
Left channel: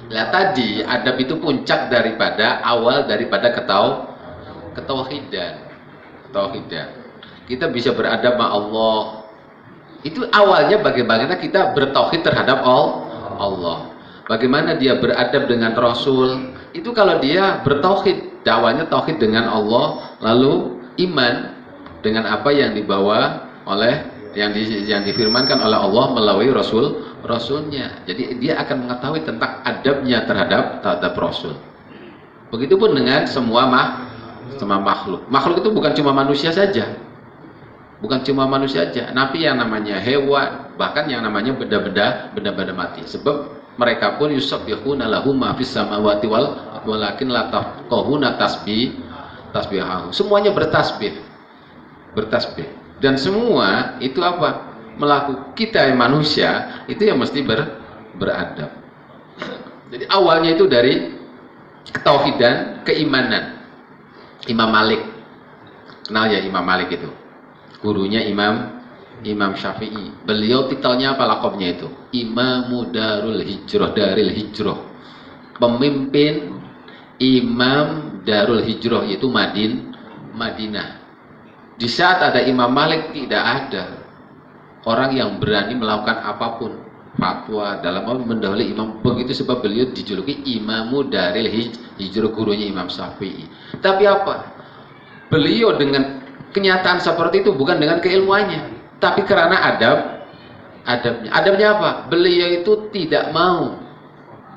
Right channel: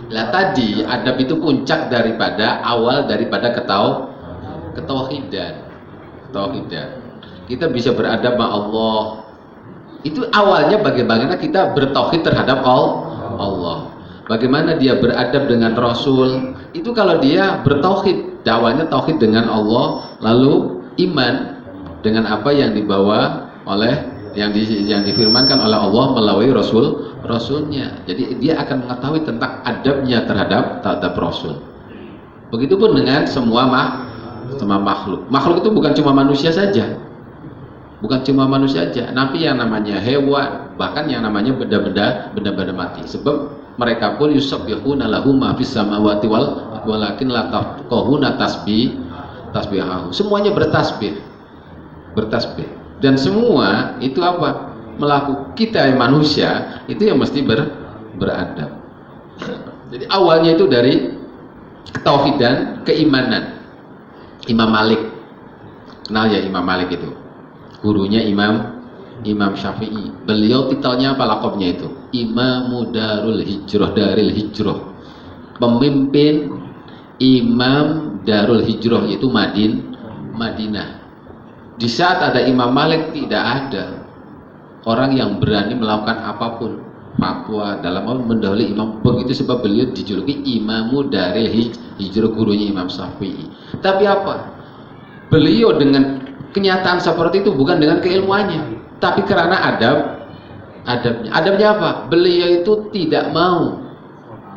Lihat tadi, adab itu puncak daripada awal daripada ketauhidan. Kita bisa beradab sama Allah. Itu awalnya bagaimana kita bertauhid terhadap Allah. Bagaimana dia beradab dengan Rasul. Itu kalau dia bertauhid, dakwanya tauhid dengan Allah, lalu iman dengan apa yang dibawa oleh yang difirmankan oleh Allah melalui Rasulnya. Jadi dia akan mengetahui tentang adabnya terhadap Rasul. Begitupun dengan semua makhluk. Makhluk itu bukan cuma manusia saja. Tapi yang namanya hewan, bahkan yang namanya benda-benda mati. Sebab mereka pun yusabbihuna lahu ma fis samawati walakin la tafqahuna tasbihahu. Semuanya bertasbih. Dan semua itu apa? Melakukan kita yang manusia itu yang mesti beradab. Jadi awalnya itu dari ketauhidan, keimanan. Imam Malik, kenal ya Imam Malik itu, gurunya Imam Syafi'i. Beliau titelnya apa, lakabnya itu? Imamu Daril Hijrah, pemimpin Imam Darul Hijrah, yaitu Madinah. Di saat ada Imam Malik tidak ada orang yang berani melakukan apapun fatwa dalam mendahului imam. Begitu sebab beliau dijuluki Imamu Daril Hijrah, gurunya Imam Syafi'i. Tapi apa? Beliau dengan kenyataan seperti itu bukan dengan keilmuannya, tapi karena adabnya. Adabnya apa? Beliau itu tidak mau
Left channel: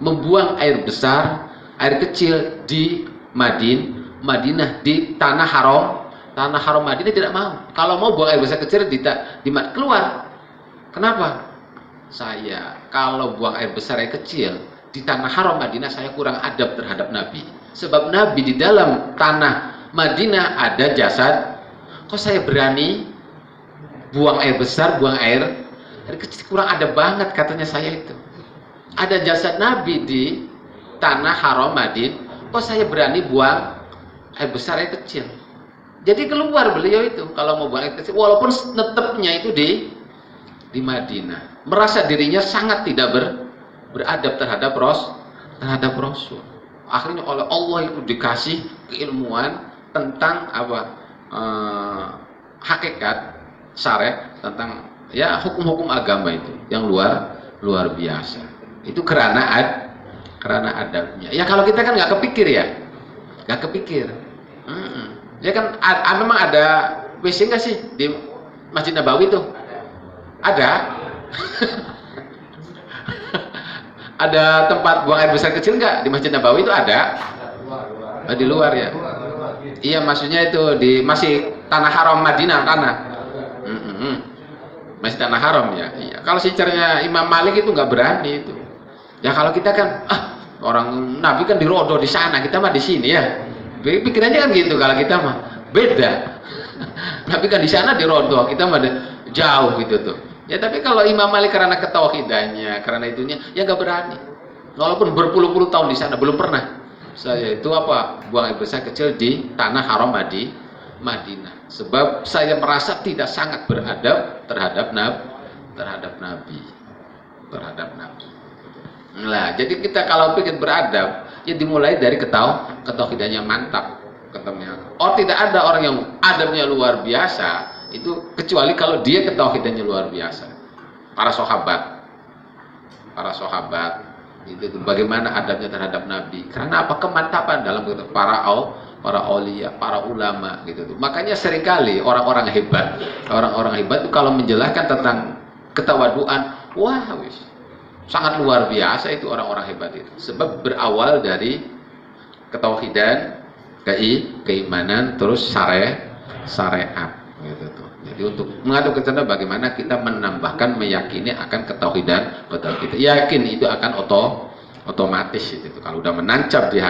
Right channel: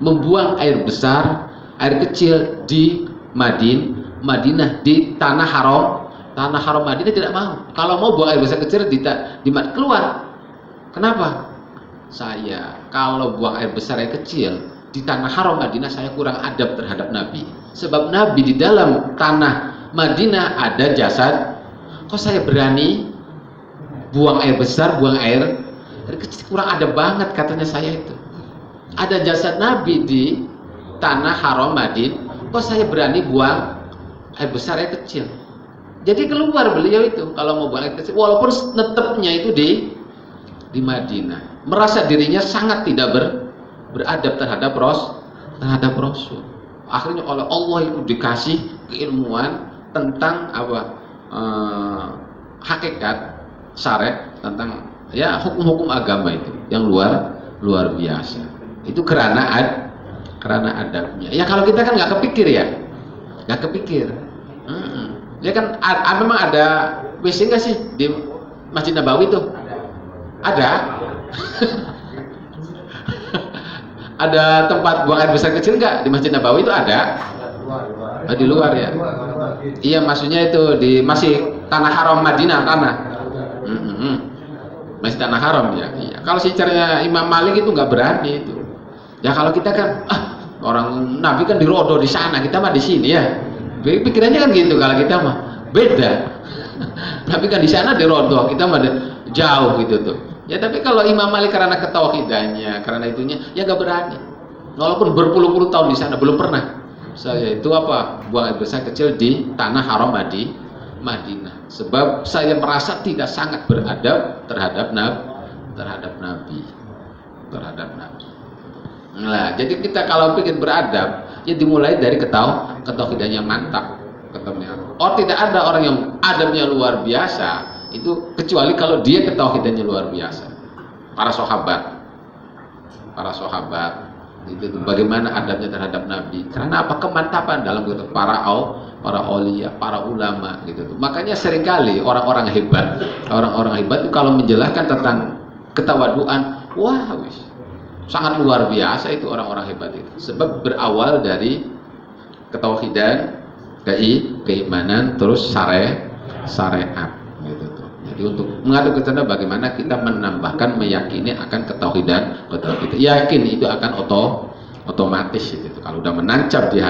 membuang air besar, air kecil di Madinah, di tanah haram Madinah tidak mau. Kalau mau buang air besar kecil di keluar. Kenapa? Saya kalau buang air besar air kecil di tanah haram Madinah, saya kurang adab terhadap Nabi. Sebab Nabi di dalam tanah Madinah ada jasad. Kok saya berani buang air besar, buang air kecil, kurang adab banget katanya saya itu. Ada jasad Nabi di tanah haram Madinah, kok saya berani buang air besar air kecil. Jadi keluar beliau itu kalau mau buang air kecil, walaupun netepnya itu di Madinah. Merasa dirinya sangat tidak beradab terhadap Rasul. Akhirnya oleh Allah itu dikasih keilmuan tentang apa? Hakikat syariat, tentang ya hukum-hukum agama itu yang luar biasa. Itu karena adabnya. Ya kalau kita kan nggak kepikir ya, Ya kan memang ada WC nggak sih di Masjid Nabawi itu? Ada. Ada tempat buang air besar kecil nggak di Masjid Nabawi itu? Ada. Di luar ya. Iya, maksudnya itu masih tanah haram Madinah tanah. Masih tanah haram ya. Iya. Kalau sejarahnya Imam Malik itu nggak berani itu. Ya kalau kita kan orang Nabi kan di Rodo di sana, kita mah di sini ya. Pikirannya kan gitu. Kalau kita mah beda. Nabi kan di sana di Rodo, kita mah jauh gitu tuh. Ya tapi kalau Imam Malik karena ketauhidannya, karena itunya, ya nggak berani. Walaupun berpuluh-puluh tahun di sana belum pernah. Saya itu buang air besar kecil di tanah haram Madinah. Sebab saya merasa tidak sangat beradab terhadap Nabi. Nah, jadi kita kalau ingin beradab, ya dimulai dari ketauhidan yang mantap. Tidak ada orang yang adabnya luar biasa itu kecuali kalau dia ketauhidannya luar biasa. Para sahabat Itu bagaimana adabnya terhadap Nabi. Karena apa? Kemantapan dalam para aulia, para ulama gitu. Makanya seringkali orang-orang hebat itu kalau menjelaskan tentang ketawaduan, wah sangat luar biasa itu orang-orang hebat itu. Sebab berawal dari ketauhidan, keimanan, terus syariat gitu tuh. Jadi untuk mengadu ke sana bagaimana kita menambahkan meyakini akan ketauhidan, betul kita yakin itu akan otomatis itu. Kalau udah menancap di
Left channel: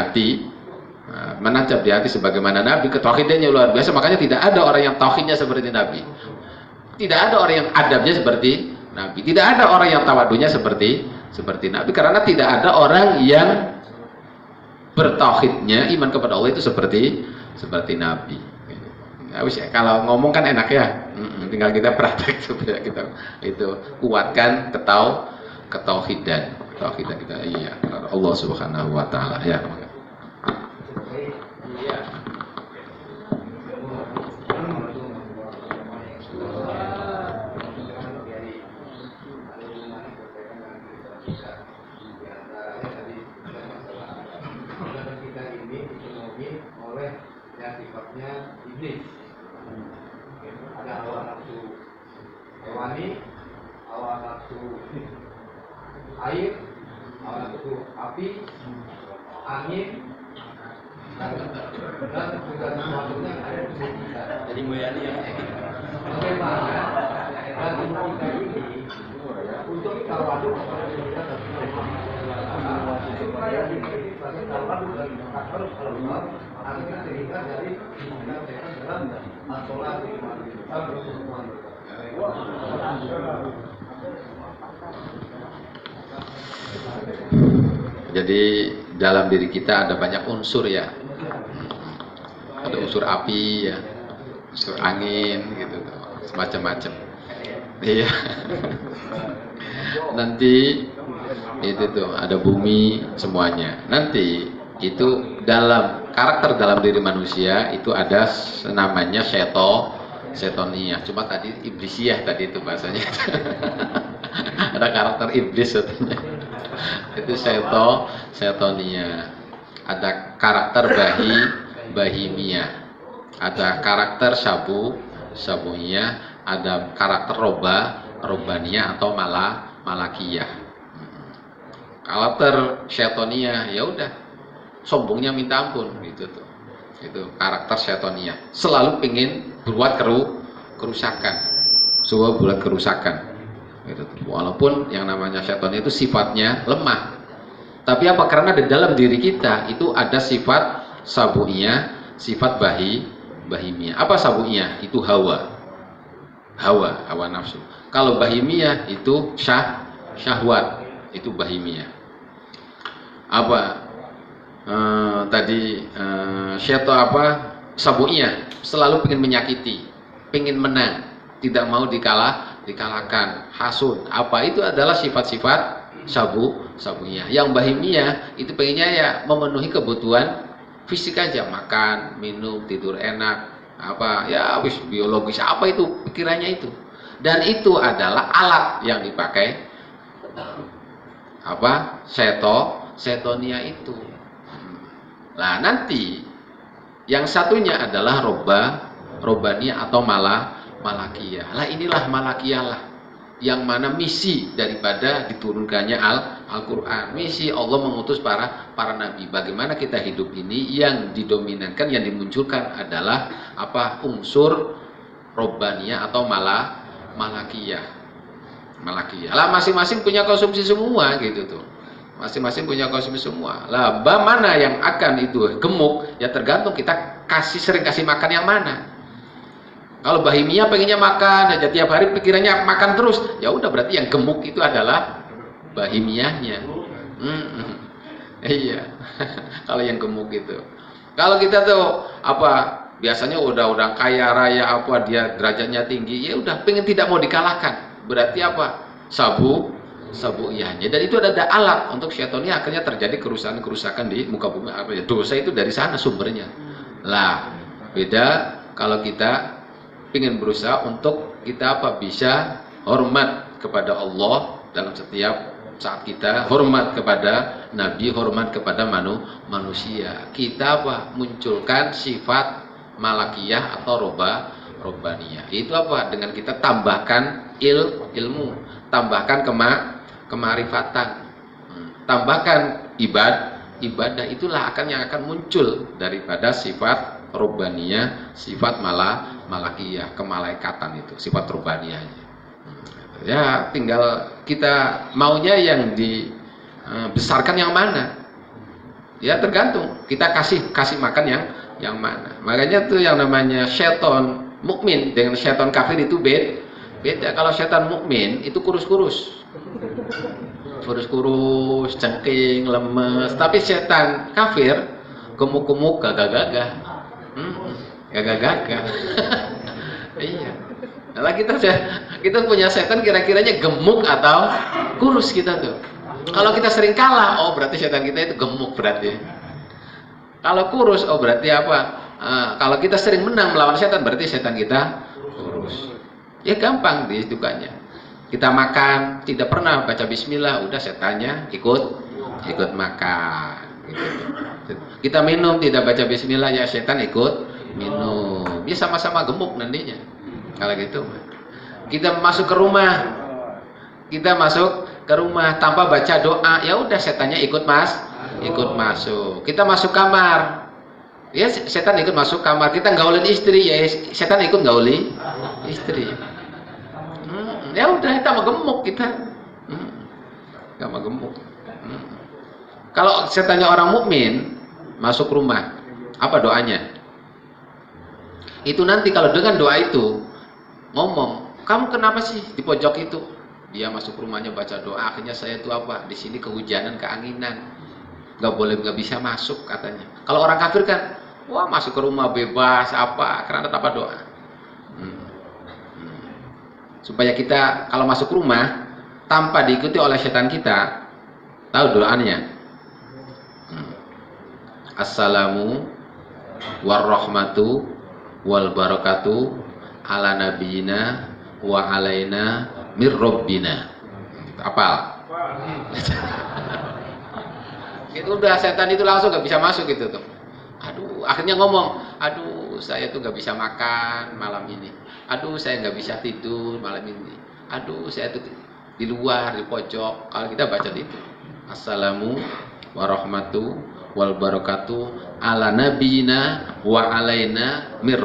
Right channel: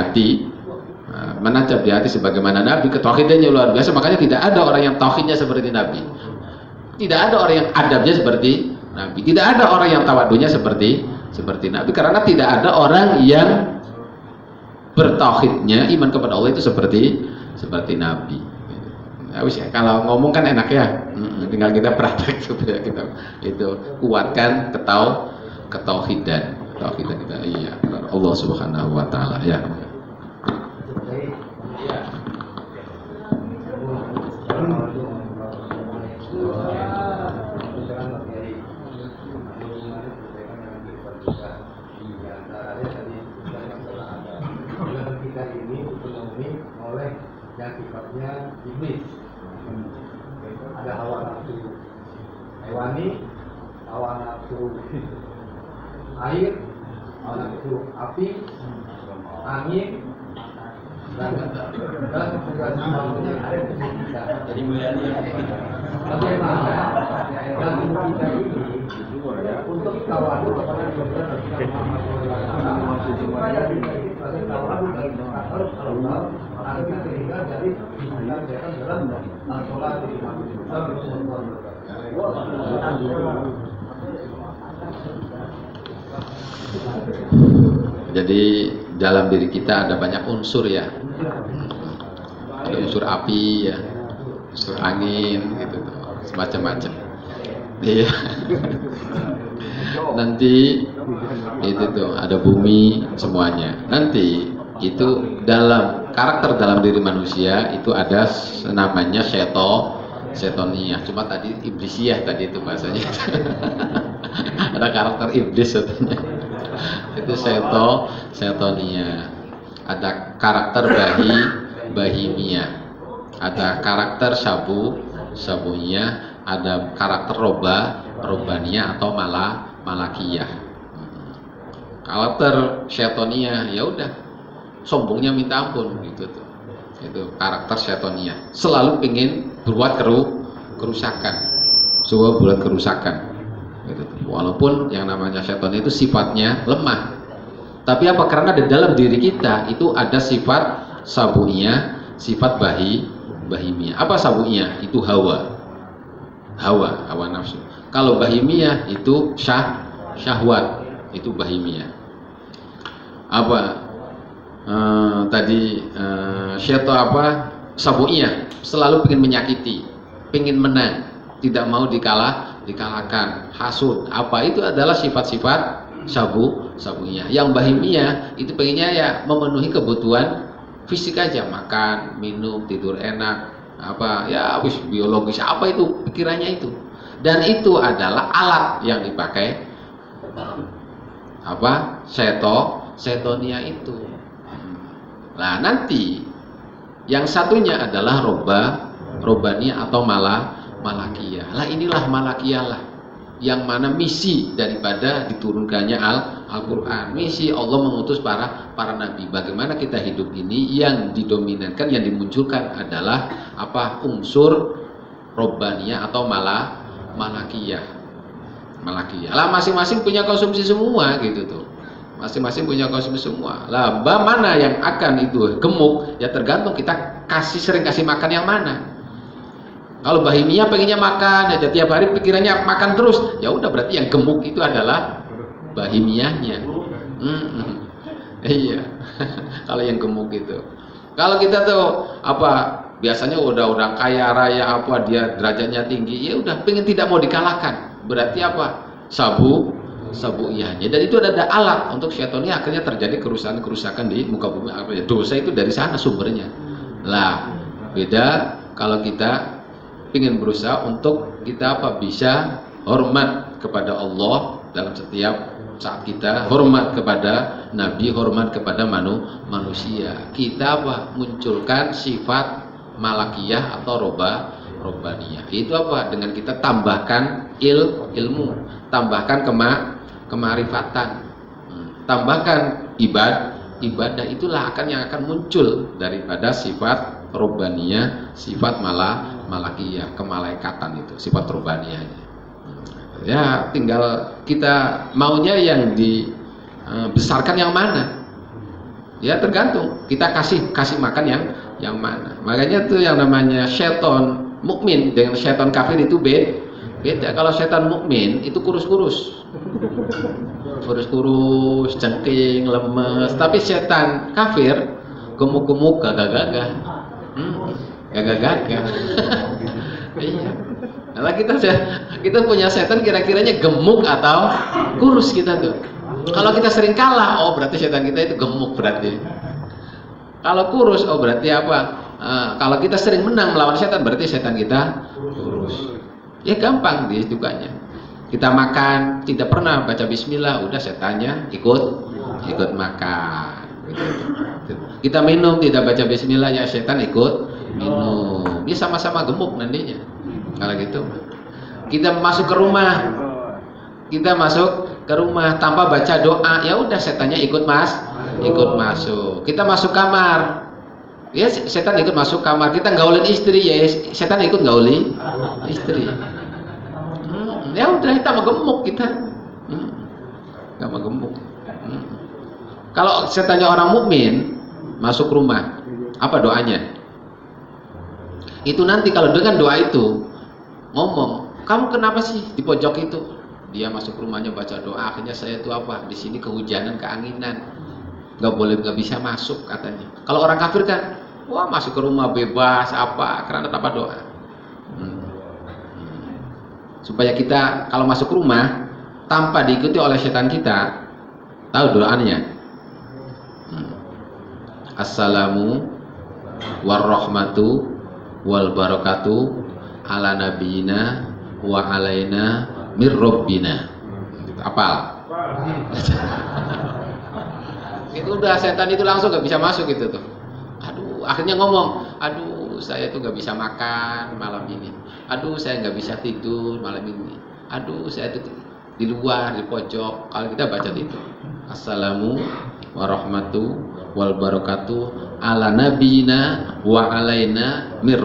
hati sebagaimana Nabi, ketauhidannya luar biasa, makanya tidak ada orang yang tauhidnya seperti Nabi. Tidak ada orang yang adabnya seperti Nabi. Tidak ada orang yang tawadunya seperti Nabi, karena tidak ada orang yang bertauhidnya iman kepada Allah itu seperti Nabi. Nah, kalau ngomong kan enak ya, tinggal kita praktek supaya kita itu kuatkan ketauhidan kita. Iya, Allah Subhanahu wa taala ya. yang sifatnya iblis. Ada hawa nafsu hewani, hawa nafsu air, hawa nafsu api, angin, dan segala sesuatunya yang ada di tubuh kita. Jadi bayani yang Bagaimana dalam tubuh kita ini untuk tawadu kepada Nabi Muhammad SAW supaya kita sebagai tawadu dari makhluk Allah agar sehingga jadi dinyatakan dalam al-sholat di Jadi dalam diri kita ada banyak unsur ya. Ada unsur api ya, unsur angin gitu, macam-macam. Iya. Nanti itu tuh ada bumi semuanya. Nanti itu dalam karakter dalam diri manusia itu ada namanya setonia. Cuma tadi iblisiah tadi itu bahasanya. Ada karakter iblis katanya. Itu setonia. Ada karakter bahimia. Ada karakter sabunia, ada karakter robania atau malakiyah. Karakter syaitoniyah ya udah sombongnya minta ampun gitu tuh. Itu karakter syaitoniyah. Selalu ingin berbuat kerusakan. Buat kerusakan. Gitu tuh. Walaupun yang namanya syaiton itu sifatnya lemah. Tapi apa? Karena di dalam diri kita itu ada sifat sabuiyah, sifat bahimiyah. Apa sabuiyah? Itu hawa nafsu. Kalau bahimiyah itu syahwat, itu bahimiyah. Apa sabuiyah selalu ingin menyakiti, ingin menang, tidak mau dikalahkan, hasud. Apa itu adalah sifat-sifat sabuiyah. Yang bahimiyah itu pengennya ya memenuhi kebutuhan fisik aja, makan, minum, tidur enak, apa ya habis biologis apa itu pikirannya itu. Dan itu adalah alat yang dipakai apa? Setonia itu. Nah, nanti yang satunya adalah robania atau malakiyah. Lah inilah malakiyah lah yang mana misi daripada diturunkannya Al-Quran. Misi Allah mengutus para nabi. Bagaimana kita hidup ini yang didominankan, yang dimunculkan adalah apa? Unsur robania atau malakiyah. Lah masing-masing punya konsumsi semua gitu tuh. Masing-masing punya konsumsi semua. Lah mana yang akan itu gemuk ya tergantung kita sering kasih makan yang mana. Kalau bahimia pengennya makan aja tiap hari pikirannya makan terus, ya udah berarti yang gemuk itu adalah bahimiahnya. Iya. Kalau yang gemuk itu. Kalau kita tuh apa biasanya udah kaya raya apa dia derajatnya tinggi, ya udah pengen tidak mau dikalahkan. Berarti apa? Sabuiyahnya. Dan itu ada alat untuk syaitonnya akhirnya terjadi kerusakan di muka bumi. Dosa itu dari sana sumbernya. Lah beda kalau kita ingin berusaha untuk kita bisa hormat kepada Allah dalam setiap saat kita hormat kepada Nabi, hormat kepada manusia, kita apa? Munculkan sifat malakiyah atau robbaniyah. Itu apa? Dengan kita tambahkan ilmu, tambahkan kemarifatan, tambahkan ibadah, itulah yang akan muncul daripada sifat robbaniyah, sifat malakiyah, kemalaikatan itu, sifat robbaniyahnya. Ya, tinggal kita maunya yang dibesarkan yang mana. Ya, tergantung kita kasih makan yang mana. Makanya tuh yang namanya setan mukmin dengan setan kafir itu beda. Kalau setan mukmin itu kurus-kurus, cengking, lemes. Tapi setan kafir gemuk-gemuk, gagah-gagah. Gagah-gagah. Iya. Nah, kita punya setan kira-kiranya gemuk atau kurus kita tuh. Kalau kita sering kalah, oh berarti setan kita itu gemuk berarti. Kalau kurus, oh berarti apa? Kalau kita sering menang melawan setan, berarti setan kita kurus. Ya gampang dihitungkannya. Kita makan, tidak pernah baca bismillah, udah setannya ikut makan. Kita minum, tidak baca bismillah, ya setan ikut minum. Dia sama-sama gemuk nantinya. Kalau gitu, kita masuk ke rumah, tanpa baca doa, ya udah setannya ikut masuk. Kita masuk kamar, ya setan ikut masuk kamar. Kita gaulin istri, ya setan ikut gauli istri. Ya udah, kita gemuk kita, nggak mau gemuk. Kalau setannya orang mukmin masuk rumah, apa doanya? Itu nanti kalau dengan doa itu ngomong, kamu kenapa sih di pojok itu? Dia masuk rumahnya baca doa, akhirnya saya itu apa? Di sini kehujanan, keanginan, nggak bisa masuk katanya. Kalau orang kafir kan, wah masuk ke rumah bebas apa? Karena tanpa doa. Supaya kita kalau masuk rumah tanpa diikuti oleh setan kita, tahu doanya? Assalamu warahmatu wal barakatuh ala nabiyina wa alaina mir rabbina. Apa? Itu udah, setan itu langsung gak bisa masuk gitu tuh. Aduh, akhirnya ngomong, aduh saya tuh gak bisa makan malam ini. Aduh saya gak bisa tidur malam ini. Aduh saya tuh di luar, di pojok. Kalau kita baca itu, assalamu warahmatu wal barakatuh ala nabiyina wa alaina mir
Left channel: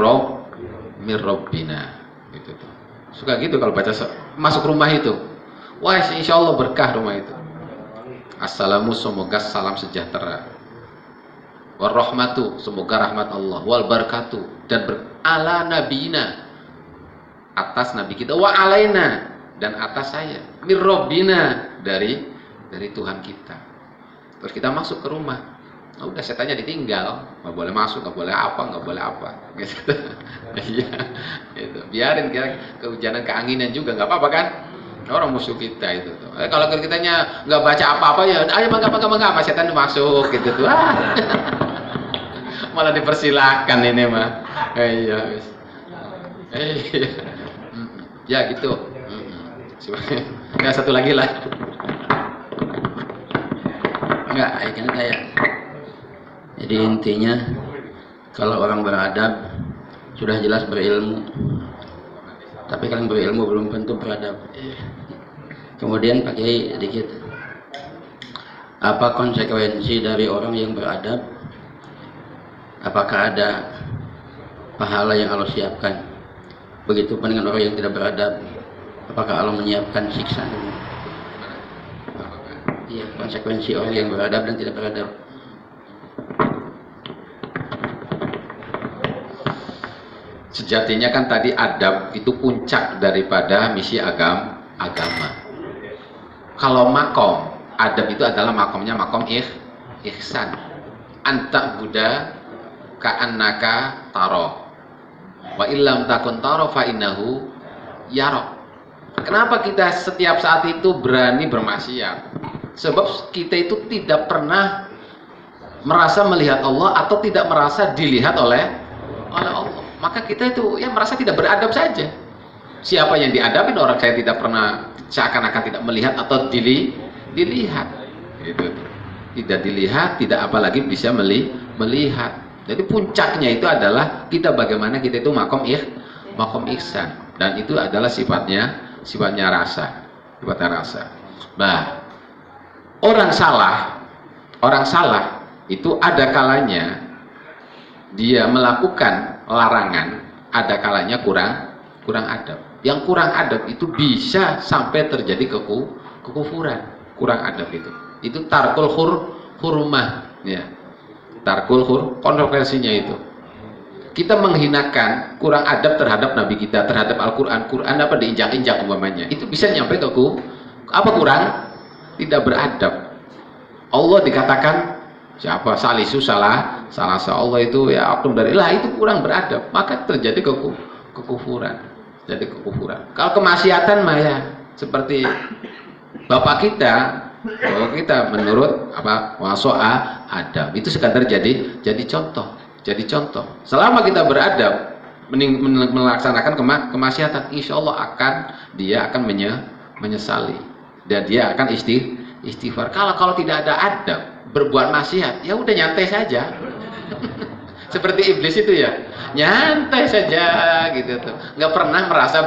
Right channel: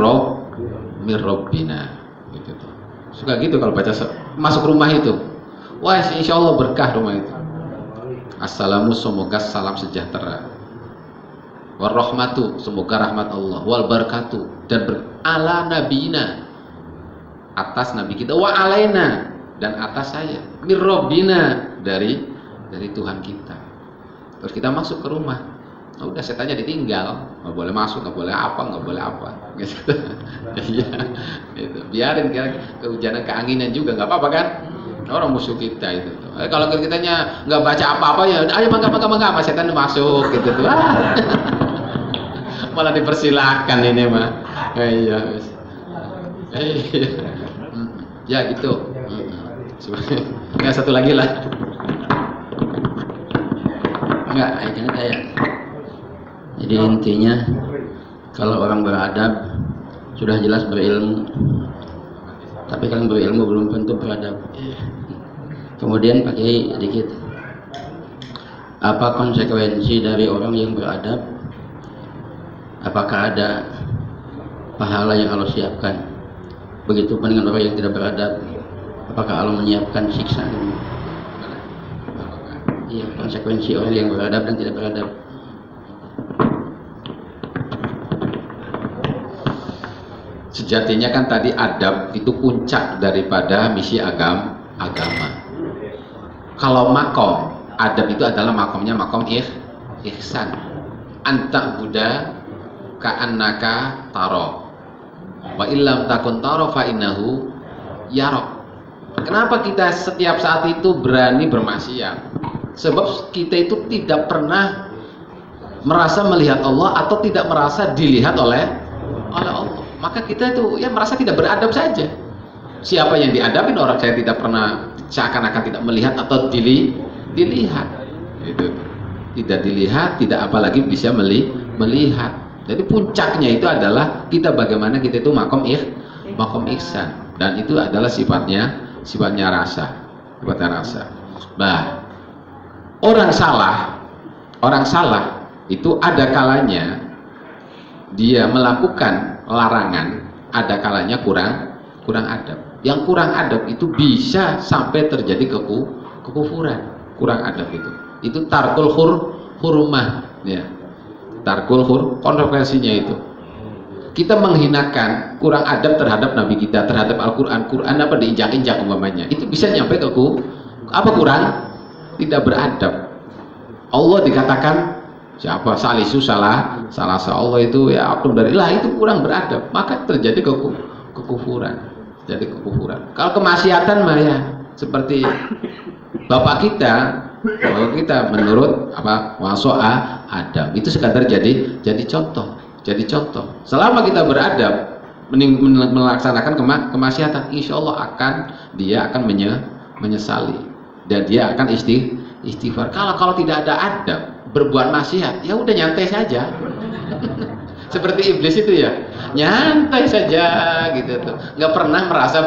rabbina, gitu tuh. Suka gitu kalau baca masuk rumah itu. Wah, insya Allah berkah rumah itu. Assalamu, semoga salam sejahtera. Warahmatu, semoga rahmat Allah. Wal barakatuh, dan ala nabiyina, atas nabi kita. Wa alaina, dan atas saya. Mir rabbina, dari Tuhan kita. Terus kita masuk ke rumah. Oh, udah setannya ditinggal, nggak boleh masuk, nggak boleh apa, gitu. Iya, gitu. Biarin kira kehujanan, keanginan juga nggak apa-apa kan? Orang musuh kita itu. Kalau kitanya nggak baca apa-apa ya, ayo mangga, setan masuk gitu tuh. Malah dipersilahkan ini mah. Iya. Ya gitu. Ya satu lagi lah. Enggak, kayak jadi intinya kalau orang beradab sudah jelas berilmu, tapi kan berilmu belum tentu beradab. Kemudian pakai dikit, apa konsekuensi dari orang yang beradab? Apakah ada pahala yang Allah siapkan? Begitupun dengan orang yang tidak beradab, apakah Allah menyiapkan siksa? Iya, konsekuensi orang yang beradab dan tidak beradab. Sejatinya kan tadi adab itu puncak daripada misi agama. Kalau makom, adab itu adalah makomnya makom ihsan. Anta buddha ka'annaka taro. Wa illam takun taro fa innahu yarok. Kenapa kita setiap saat itu berani bermaksiat? Sebab kita itu tidak pernah merasa melihat Allah atau tidak merasa dilihat oleh Allah. Maka kita itu ya merasa tidak beradab saja. Siapa yang diadabin orang saya tidak pernah, seakan-akan tidak melihat atau dilihat. Gitu. Tidak dilihat, tidak apalagi bisa melihat. Jadi puncaknya itu adalah kita bagaimana kita itu makom ihsan, dan itu adalah sifatnya rasa. Nah, orang salah itu ada kalanya dia melakukan larangan, ada kalanya kurang adab. Yang kurang adab itu bisa sampai terjadi kekufuran. Kurang adab itu tarkul hurmah, ya. Tarkul konsekuensinya itu kita menghinakan, kurang adab terhadap Nabi kita, terhadap Al-Quran apa diinjak-injak umpamanya, itu bisa nyampe ke kurang tidak beradab. Allah dikatakan siapa salisu salah Allah itu ya akum dari lah, itu kurang beradab, maka terjadi kekufuran. Jadi kekufuran. Kalau kemaksiatan mah ya seperti bapak kita menurut waso'a adab, itu sekadar jadi contoh. Selama kita beradab melaksanakan kemaksiatan, insya Allah dia akan menyesali dan dia akan istighfar. Kalau tidak ada adab, berbuat maksiat, ya udah nyantai saja. Seperti iblis itu ya, nyantai saja gitu tuh, nggak pernah merasa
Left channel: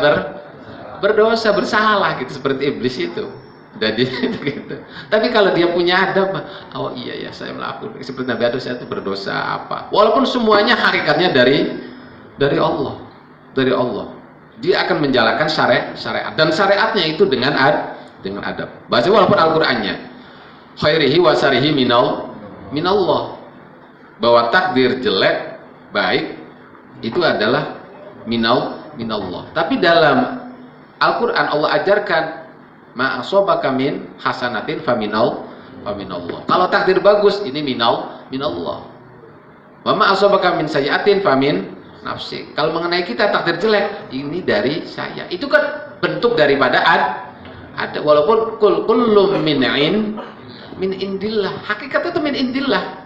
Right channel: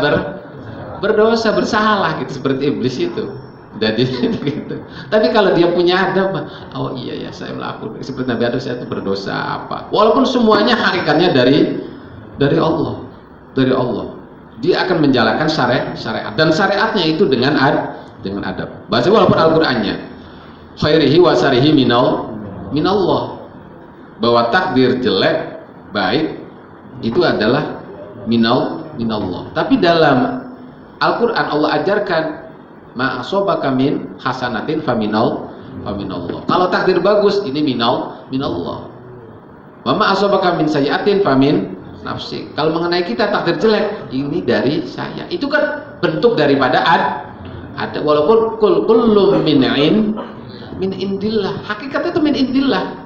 berdosa, bersalah gitu, seperti iblis itu. Jadi gitu. Tapi kalau dia punya adab, oh iya ya saya melakukan seperti Nabi Adam, saya itu berdosa apa. Walaupun semuanya hakikatnya dari Allah. Dia akan menjalankan syariat dan syariatnya itu dengan adab. Bahasa walaupun Al-Qur'annya khairihi wa syarihi minallah. Bahwa takdir jelek baik itu adalah minallah. Tapi dalam Al-Qur'an Allah ajarkan ma'asobaka min hasanatin faminallah. Kalau takdir bagus ini minallah. Wa ma'asobaka min sayyi'atin famin nafsi. Kalau mengenai kita takdir jelek, ini dari saya. Itu kan bentuk daripada ada, walaupun kullum min indillah. Hakikatnya itu min indillah.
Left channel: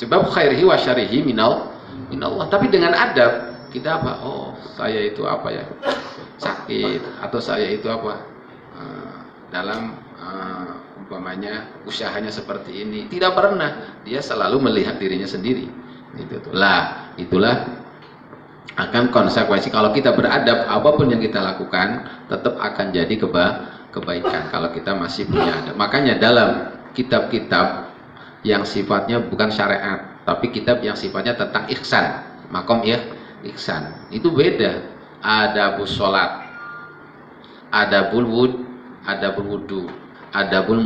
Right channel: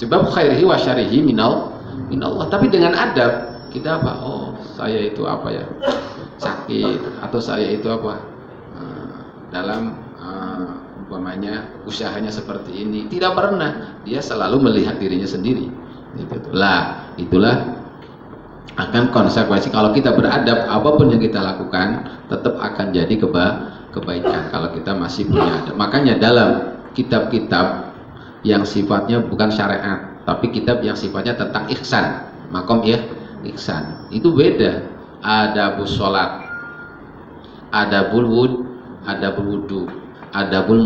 Sebab khairihi wa syarihi minallah. Tapi dengan adab kita apa? Oh, saya itu apa ya? Sakit, atau saya itu apa? Dalam umpamanya usahanya seperti ini, tidak pernah, dia selalu melihat dirinya sendiri. Itulah akan konsekuensi kalau kita beradab, apapun yang kita lakukan tetap akan jadi kebaikan kalau kita masih punya adab. Makanya dalam kitab-kitab yang sifatnya bukan syariat, tapi kitab yang sifatnya tentang ihsan, makom ihsan, itu beda. Adabus sholat, adabul wudu, adabul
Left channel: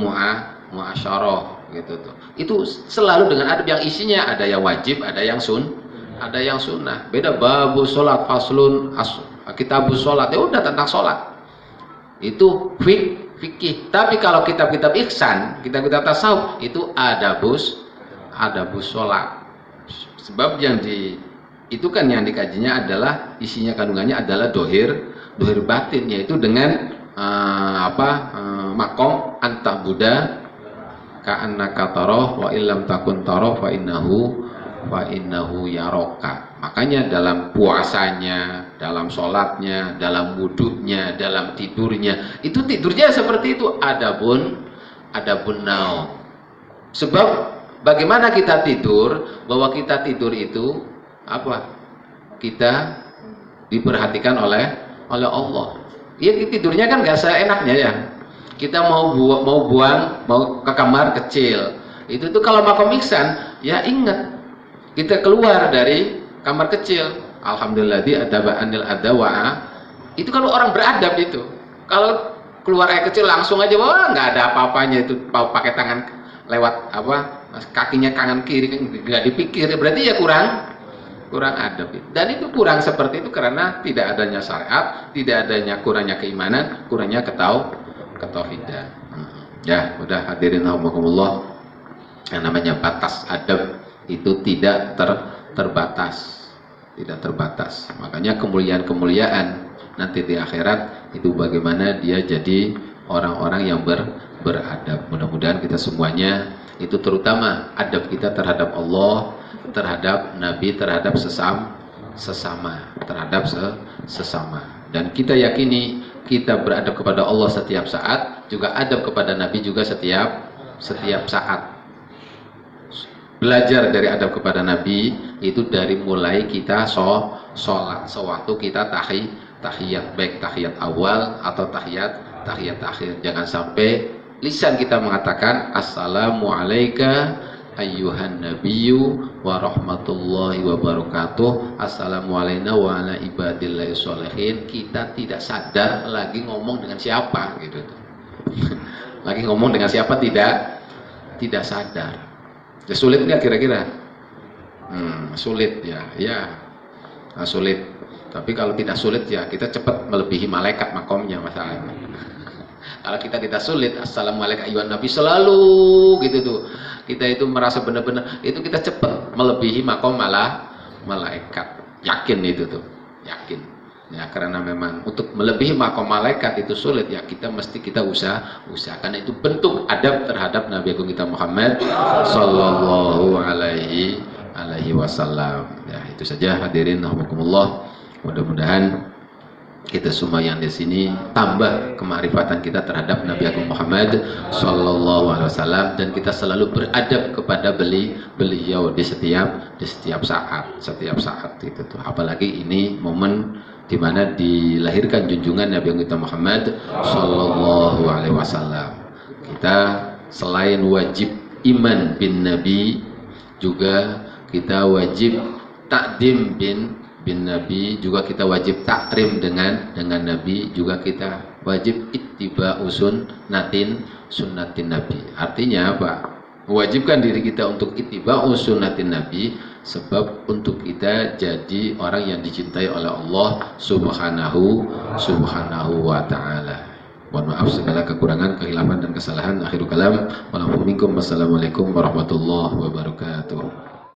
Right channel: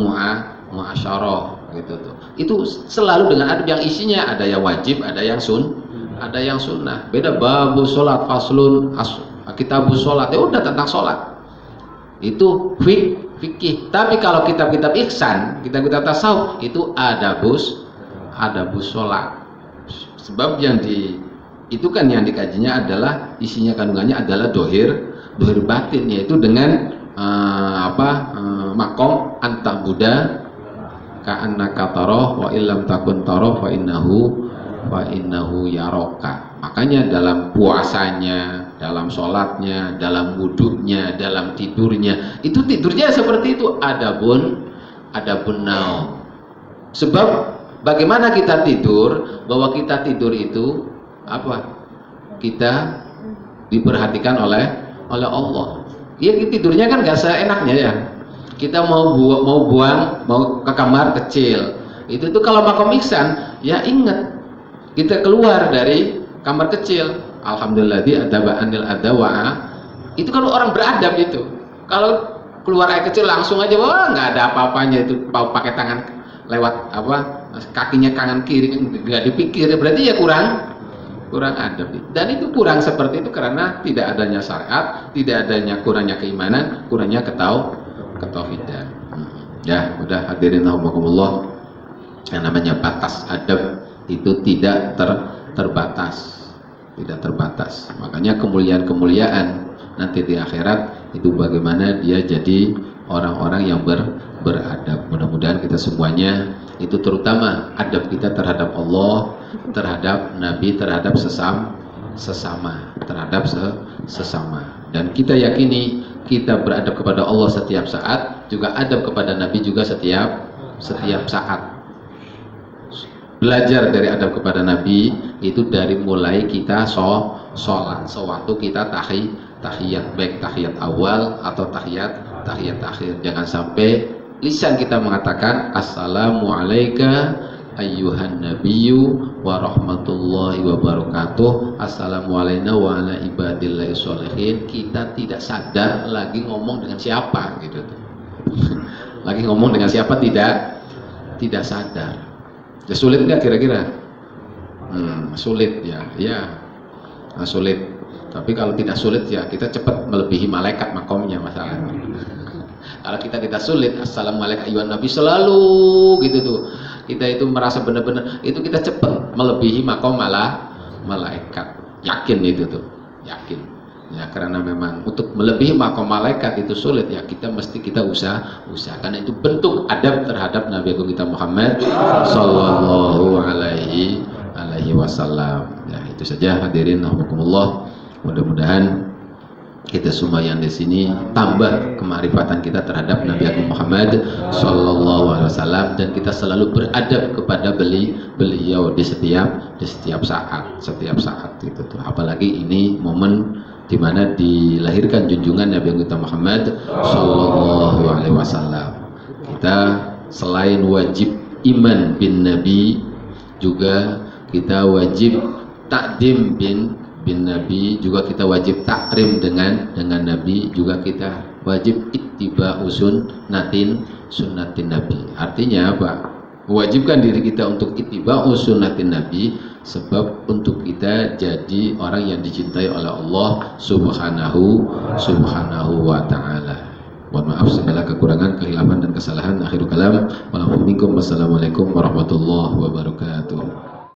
muasyarah gitu tuh. Itu selalu dengan adab yang isinya ada yang wajib, ada yang sunnah. Beda babu sholat faslun kitabus sholat, ya udah tentang sholat. Itu fikih. Tapi kalau kitab-kitab ihsan, kitab-kitab tasawuf itu adabus sholat. Sebab yang dikajinya adalah isinya, kandungannya adalah dohir batin, yaitu dengan makom antah Buddha ka'annaka tarah wa illam takun tarah fa innahu yaroka. Makanya dalam puasanya, dalam sholatnya, dalam wudhunya, dalam tidurnya, itu tidurnya seperti itu, adabun naum. Sebab bagaimana kita tidur, bahwa kita tidur itu apa? Kita diperhatikan oleh Allah. Ya tidurnya kan gak seenaknya ya. Kita mau ke kamar kecil. Itu tuh kalau makom ihsan, ya ingat kita keluar dari kamar kecil. Alhamdulillah anil adawa. Itu kan orang beradab itu. Kalau keluar air kecil langsung aja, wah nggak ada apa-apanya itu. Pakai tangan lewat kakinya kanan kiri, nggak dipikir. Berarti ya kurang adab. Dan itu kurang seperti itu karena tidak adanya syariat, tidak adanya, kurangnya keimanan, kurangnya ketauhidan. Ya, udah hadirin rahimakumullah. Yang namanya batas adab itu tidak terbatas. Makanya kemuliaan nanti di akhirat itu bagaimana dia jadi orang-orang yang beradab. Mudah-mudahan kita semuanya itu, terutama adab kita terhadap Allah, terhadap Nabi, terhadap sesama, terhadap sesama. Dan kita yakini kita beradab kepada Allah setiap saat, juga adab kepada Nabi juga setiap saat. Belajar dari adab kepada Nabi itu dari mulai kita sholat, sewaktu kita tahiyat, baik tahiyat awal atau tahiyat akhir. Jangan sampai lisan kita mengatakan assalamualaikum ayyuhan nabiyyu wa rahmatullahi wa barakatuh, assalamualaikum wa ala ibadillahi sholihin. Kita tidak sadar lagi ngomong dengan siapa gitu. Lagi ngomong dengan siapa tidak sadar. Ya, sulit nggak kira-kira? Sulit ya. Nah, sulit. Tapi kalau tidak sulit ya kita cepat melebihi malaikat makomnya masalah. Kalau kita tidak sulit, assalamualaikum ayyuhan nabi selalu gitu tuh. Kita itu merasa benar-benar itu kita cepat melebihi makom malaikat. Yakin itu tuh, yakin. Ya, karena memang untuk melebihi makom malaikat itu sulit ya, kita usaha karena itu bentuk adab terhadap Nabi Agung kita Muhammad sallallahu alaihi wasallam. Ya, itu saja hadirin rahimakumullah. Mudah-mudahan kita semua yang di sini tambah kemarifatan kita terhadap Nabi Agung Muhammad sallallahu alaihi wasallam, dan kita selalu beradab kepada beliau di setiap saat itu tuh. Apalagi ini momen di mana dilahirkan junjungan Nabi kita Muhammad sallallahu alaihi wasallam. Kita selain wajib iman bin Nabi, juga kita wajib takdim bin Nabi, juga kita wajib takrim dengan Nabi, juga kita wajib ittiba'u sunnatin Nabi. Artinya apa? Mewajibkan diri kita untuk ittiba'u sunnatin Nabi, sebab untuk kita jadi orang yang dicintai oleh Allah subhanahu wa ta'ala. Mohon maaf segala kekurangan, kehilapan dan kesalahan. Akhirul kalam. Wassalamualaikum warahmatullahi wabarakatuh.